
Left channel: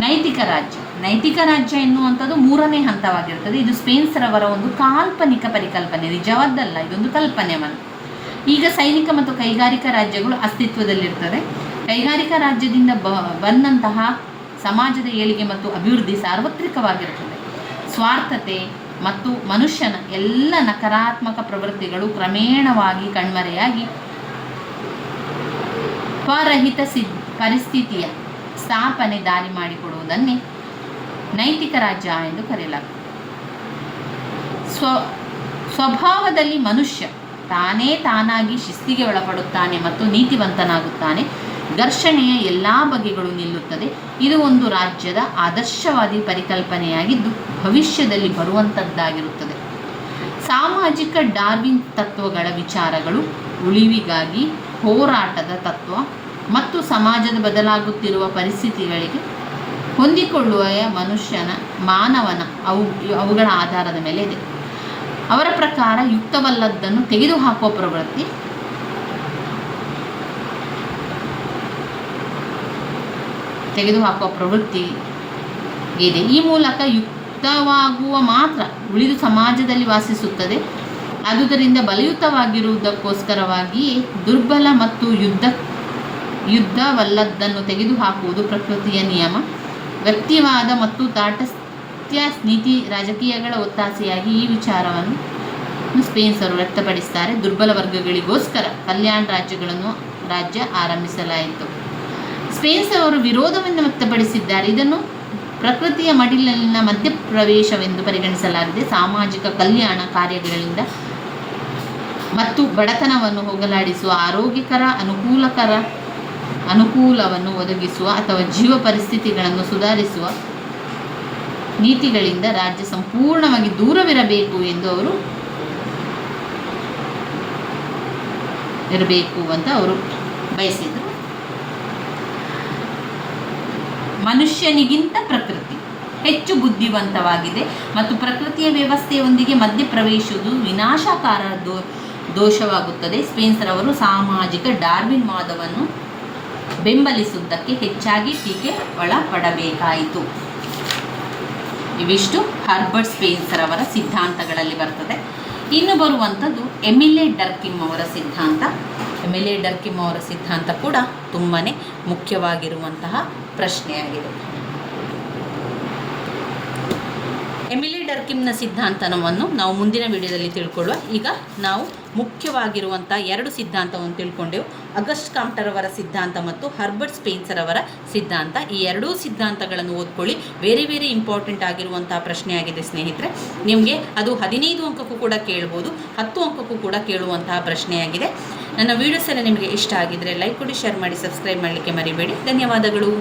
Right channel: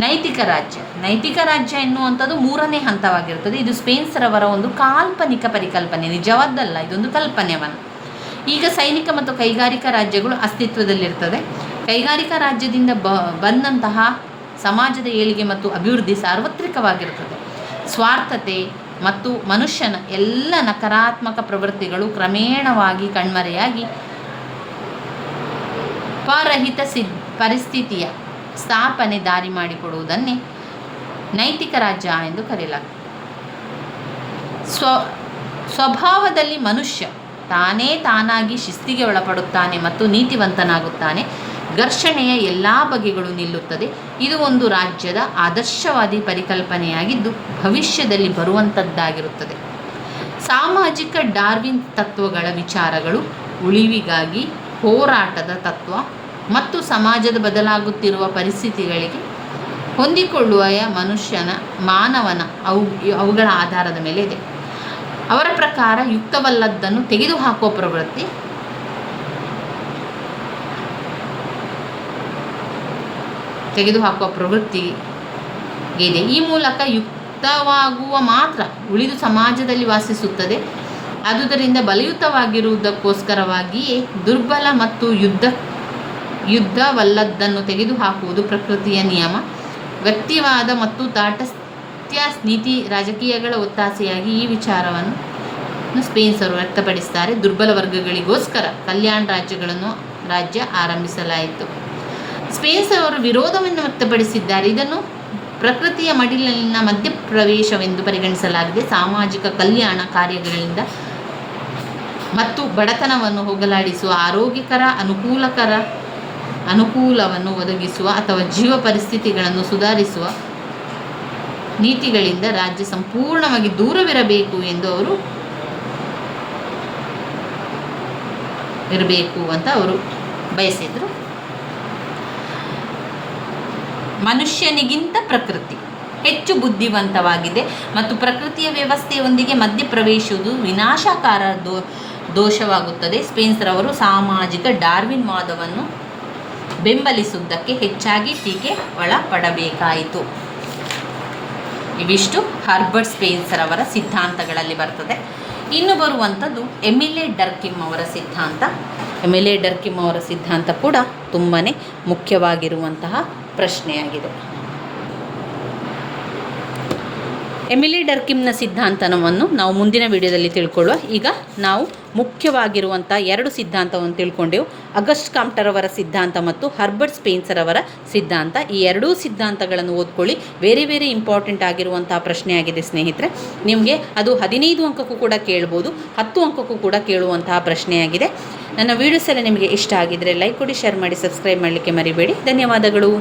ನೈತಿಕ ರಾಜ್ಯ ಎನ್ನುವಂಥದ್ದು 3ನೇ ಹಂತವಾಗಿರುತ್ತದೆ. ಇದು ಸ್ಪೆನ್ಸರ್ ಅವರ ಒಂದು ಕಾಲ್ಪನಿಕ ಪರಿಕಲ್ಪನೆ, ನಿಜವಾದ್ದಲ್ಲ, ಇದೊಂದು ಕಲ್ಪನೆಯನ್ನು. ಈಗ ಸೈನಿಕ ಮತ್ತು ಕೈಗಾರಿಕಾ ರಾಜ್ಯಗಳು ಅಸ್ತಿತ್ವದಲ್ಲಿರ್ತದೆ. ಕೈಗಾರಿಕಾ ರಾಜ್ಯದಿಂದ ಬಂದಂತಹ ಸಮಾಜದ ಏಳಿಗೆ ಮತ್ತು ಅಭಿವೃದ್ಧಿ ಸಾರ್ವತ್ರಿಕವಾಗಿರುತ್ತದೆ. ಸ್ವಾರ್ಥತೆ ಮತ್ತು ಮನುಷ್ಯನ ಎಲ್ಲ ನಕಾರಾತ್ಮಕ ಪ್ರವೃತ್ತಿಗಳು ಕ್ರಮೇಣವಾಗಿ ಕಣ್ಮರೆಯಾಗಿ ಪರಹಿತ ಪರಿಸ್ಥಿತಿಯ ಸ್ಥಾಪನೆ ದಾರಿ ಮಾಡಿಕೊಡುವುದನ್ನೇ ನೈತಿಕ ರಾಜ್ಯ ಎಂದು ಕರೆಯಲಾಗುತ್ತದೆ. ಸ್ವಭಾವದಲ್ಲಿ ಮನುಷ್ಯ ತಾನಾಗಿ ಶಿಸ್ತಿಗೆ ಒಳಪಡುತ್ತಾನೆ ಮತ್ತು ನೀತಿವಂತನಾಗುತ್ತಾನೆ. ಘರ್ಷಣೆಯ ಎಲ್ಲ ಬಗೆಗಳು ನಿಲ್ಲುತ್ತದೆ. ಇದು ಒಂದು ರಾಜ್ಯದ ಆದರ್ಶವಾದಿ ಪರಿಕಲ್ಪನೆಯಾಗಿದ್ದು ಭವಿಷ್ಯದಲ್ಲಿ ಬರುವಂಥದ್ದಾಗಿರುತ್ತದೆ. ಸಾಮಾಜಿಕ ಡಾರ್ವಿನ್ ತತ್ವಗಳ ವಿಚಾರಗಳು ಉಳಿವಿಗಾಗಿ ಹೋರಾಟದ ತತ್ವ ಮತ್ತು ಸಮಾಜದ ಬದಲಾಗುತ್ತಿರುವ ಪರಿಸ್ಥಿತಿಗಳಿಗೆ ಹೊಂದಿಕೊಳ್ಳುವ ಮಾನವನ ಅವುಗಳ ಆಧಾರದ ಮೇಲೆ ಇದೆ. ಅವರ ಪ್ರಕಾರ ಯುಕ್ತವಲ್ಲದ್ದನ್ನು ತೆಗೆದುಹಾಕುವ ಪ್ರವೃತ್ತಿ ಇದೆ. ಈ ಮೂಲಕ ಯುಕ್ತವಾಗುವ ಮಾತ್ರ ಉಳಿದು ಸಮಾಜದಲ್ಲಿ ವಾಸಿಸುತ್ತದೆ. ಆದುದರಿಂದ ಬಲಯುತವಾಗಿರುವುದಕ್ಕೋಸ್ಕರವಾಗಿಯೇ ದುರ್ಬಲ ಮತ್ತು ಯುದ್ಧವಲ್ಲದ್ದನ್ನು ತೆಗೆದುಹಾಕುವುದು ಪ್ರಕೃತಿಯ ನಿಯಮ. ವ್ಯಕ್ತಿವಾದ ಮತ್ತು ತಾಟಸ್ಥ್ಯ ನೀತಿ ರಾಜಕೀಯಗಳ ಒತ್ತಾಸೆಯಾಗಿ ಈ ವಿಚಾರವನ್ನು ಸ್ಪೇನ್ಸರು ವ್ಯಕ್ತಪಡಿಸುತ್ತಾರೆ. ದುರ್ಬಲ ವರ್ಗಗಳಿಗೋಸ್ಕರ ಕಲ್ಯಾಣ ರಾಜ್ಯ ಆರಂಭಿಸಲಾಯಿತು. ಸ್ಪೇನ್ಸ್ ಅವರು ವಿರೋಧವನ್ನು ವ್ಯಕ್ತಪಡಿಸಿದ್ದಾರೆ. ಇದನ್ನು ಪ್ರಕೃತಿಯ ಮಡಿಲಿನ ಮಧ್ಯಪ್ರವೇಶವೆಂದು ಪರಿಗಣಿಸಲಾಗಿದೆ. ಸಾಮಾಜಿಕ ಕಲ್ಯಾಣ ಕಾರ್ಯಗಳಿಂದ ಮತ್ತು ಬಡತನವನ್ನು ಹೋಗಲಾಡಿಸುವ ಆರೋಗ್ಯಕರ ಅನುಕೂಲವನ್ನು ಒದಗಿಸುವ ಅಥವಾ ಜೀವ ಪರಿಸ್ಥಿತಿಗಳನ್ನು ಸುಧಾರಿಸುವ ನೀತಿಗಳಿಂದ ರಾಜ್ಯ ಸಂಪೂರ್ಣವಾಗಿ ದೂರವಿರಬೇಕು ಎಂದು ಅವರು ಬಯಸಿದರು. ಮನುಷ್ಯನಿಗಿಂತ ಪ್ರಕೃತಿ ಹೆಚ್ಚು ಬುದ್ಧಿವಂತವಾಗಿದೆ ಮತ್ತು ಪ್ರಕೃತಿಯ ವ್ಯವಸ್ಥೆಯೊಂದಿಗೆ ಮಧ್ಯಪ್ರವೇಶಿಸುವುದು ವಿನಾಶಕಾರ ದೋಷವಾಗುತ್ತದೆ. ಸ್ಪೇನ್ಸರವರು ಸಾಮಾಜಿಕ ಡಾರ್ವಿನ್ ವಾದವನ್ನು ಬೆಂಬಲಿಸುವುದಕ್ಕೆ ಹೆಚ್ಚಾಗಿ ಟೀಕೆ ಒಳಪಡಬೇಕಾಯಿತು. ಇವಿಷ್ಟು ಹರ್ಬರ್ಟ್ ಸ್ಪೇನ್ಸರ್ ಅವರ ಸಿದ್ಧಾಂತಗಳಲ್ಲಿ ಬರ್ತದೆ. ಇನ್ನು ಬರುವಂಥದ್ದು ಎಮಿಲೆ ಡರ್ಕಿಮ್ ಅವರ ಸಿದ್ಧಾಂತ. ಎಮಿಲೆ ಡರ್ಕಿಮ್ ಅವರ ಸಿದ್ಧಾಂತ ಕೂಡ ತುಂಬಾ ಮುಖ್ಯವಾಗಿರುವಂತಹ ಪ್ರಶ್ನೆಯಾಗಿದೆ. ಎಮಿಲೆ ಡರ್ಕಿಮ್ನ ಸಿದ್ಧಾಂತವನ್ನು ನಾವು ಮುಂದಿನ ವಿಡಿಯೋದಲ್ಲಿ ತಿಳ್ಕೊಳ್ಳುವ. ಈಗ ನಾವು ಮುಖ್ಯವಾಗಿರುವಂಥ 2 ಸಿದ್ಧಾಂತವನ್ನು ತಿಳ್ಕೊಂಡೆವು. ಅಗಸ್ಟ್ ಕಾಮ್ಟರ್ ಅವರ ಸಿದ್ಧಾಂತ ಮತ್ತು ಹರ್ಬರ್ಟ್ ಸ್ಪೇನ್ಸರ್ ಅವರ ಸಿದ್ಧಾಂತ. ಈ 2 ಸಿದ್ಧಾಂತಗಳನ್ನು ಓದ್ಕೊಳ್ಳಿ. ವೇರೆ ಇಂಪಾರ್ಟೆಂಟ್ ಆಗಿರುವಂಥ ಪ್ರಶ್ನೆಯಾಗಿದೆ ಸ್ನೇಹಿತರೆ. ನಿಮಗೆ ಅದು 15 ಅಂಕಕ್ಕೂ ಕೂಡ ಕೇಳ್ಬೋದು, 10 ಅಂಕಕ್ಕೂ ಕೂಡ ಕೇಳುವಂತಹ ಪ್ರಶ್ನೆಯಾಗಿದೆ. ನನ್ನ ವೀಡಿಯೋಸ್ ಎಲ್ಲ ನಿಮಗೆ ಇಷ್ಟ ಆಗಿದ್ದರೆ ಲೈಕ್ ಕೊಡಿ, ಶೇರ್ ಮಾಡಿ, ಸಬ್ಸ್ಕ್ರೈಬ್ ಮಾಡಲಿಕ್ಕೆ ಮರಿಬೇಡಿ. ಧನ್ಯವಾದಗಳು.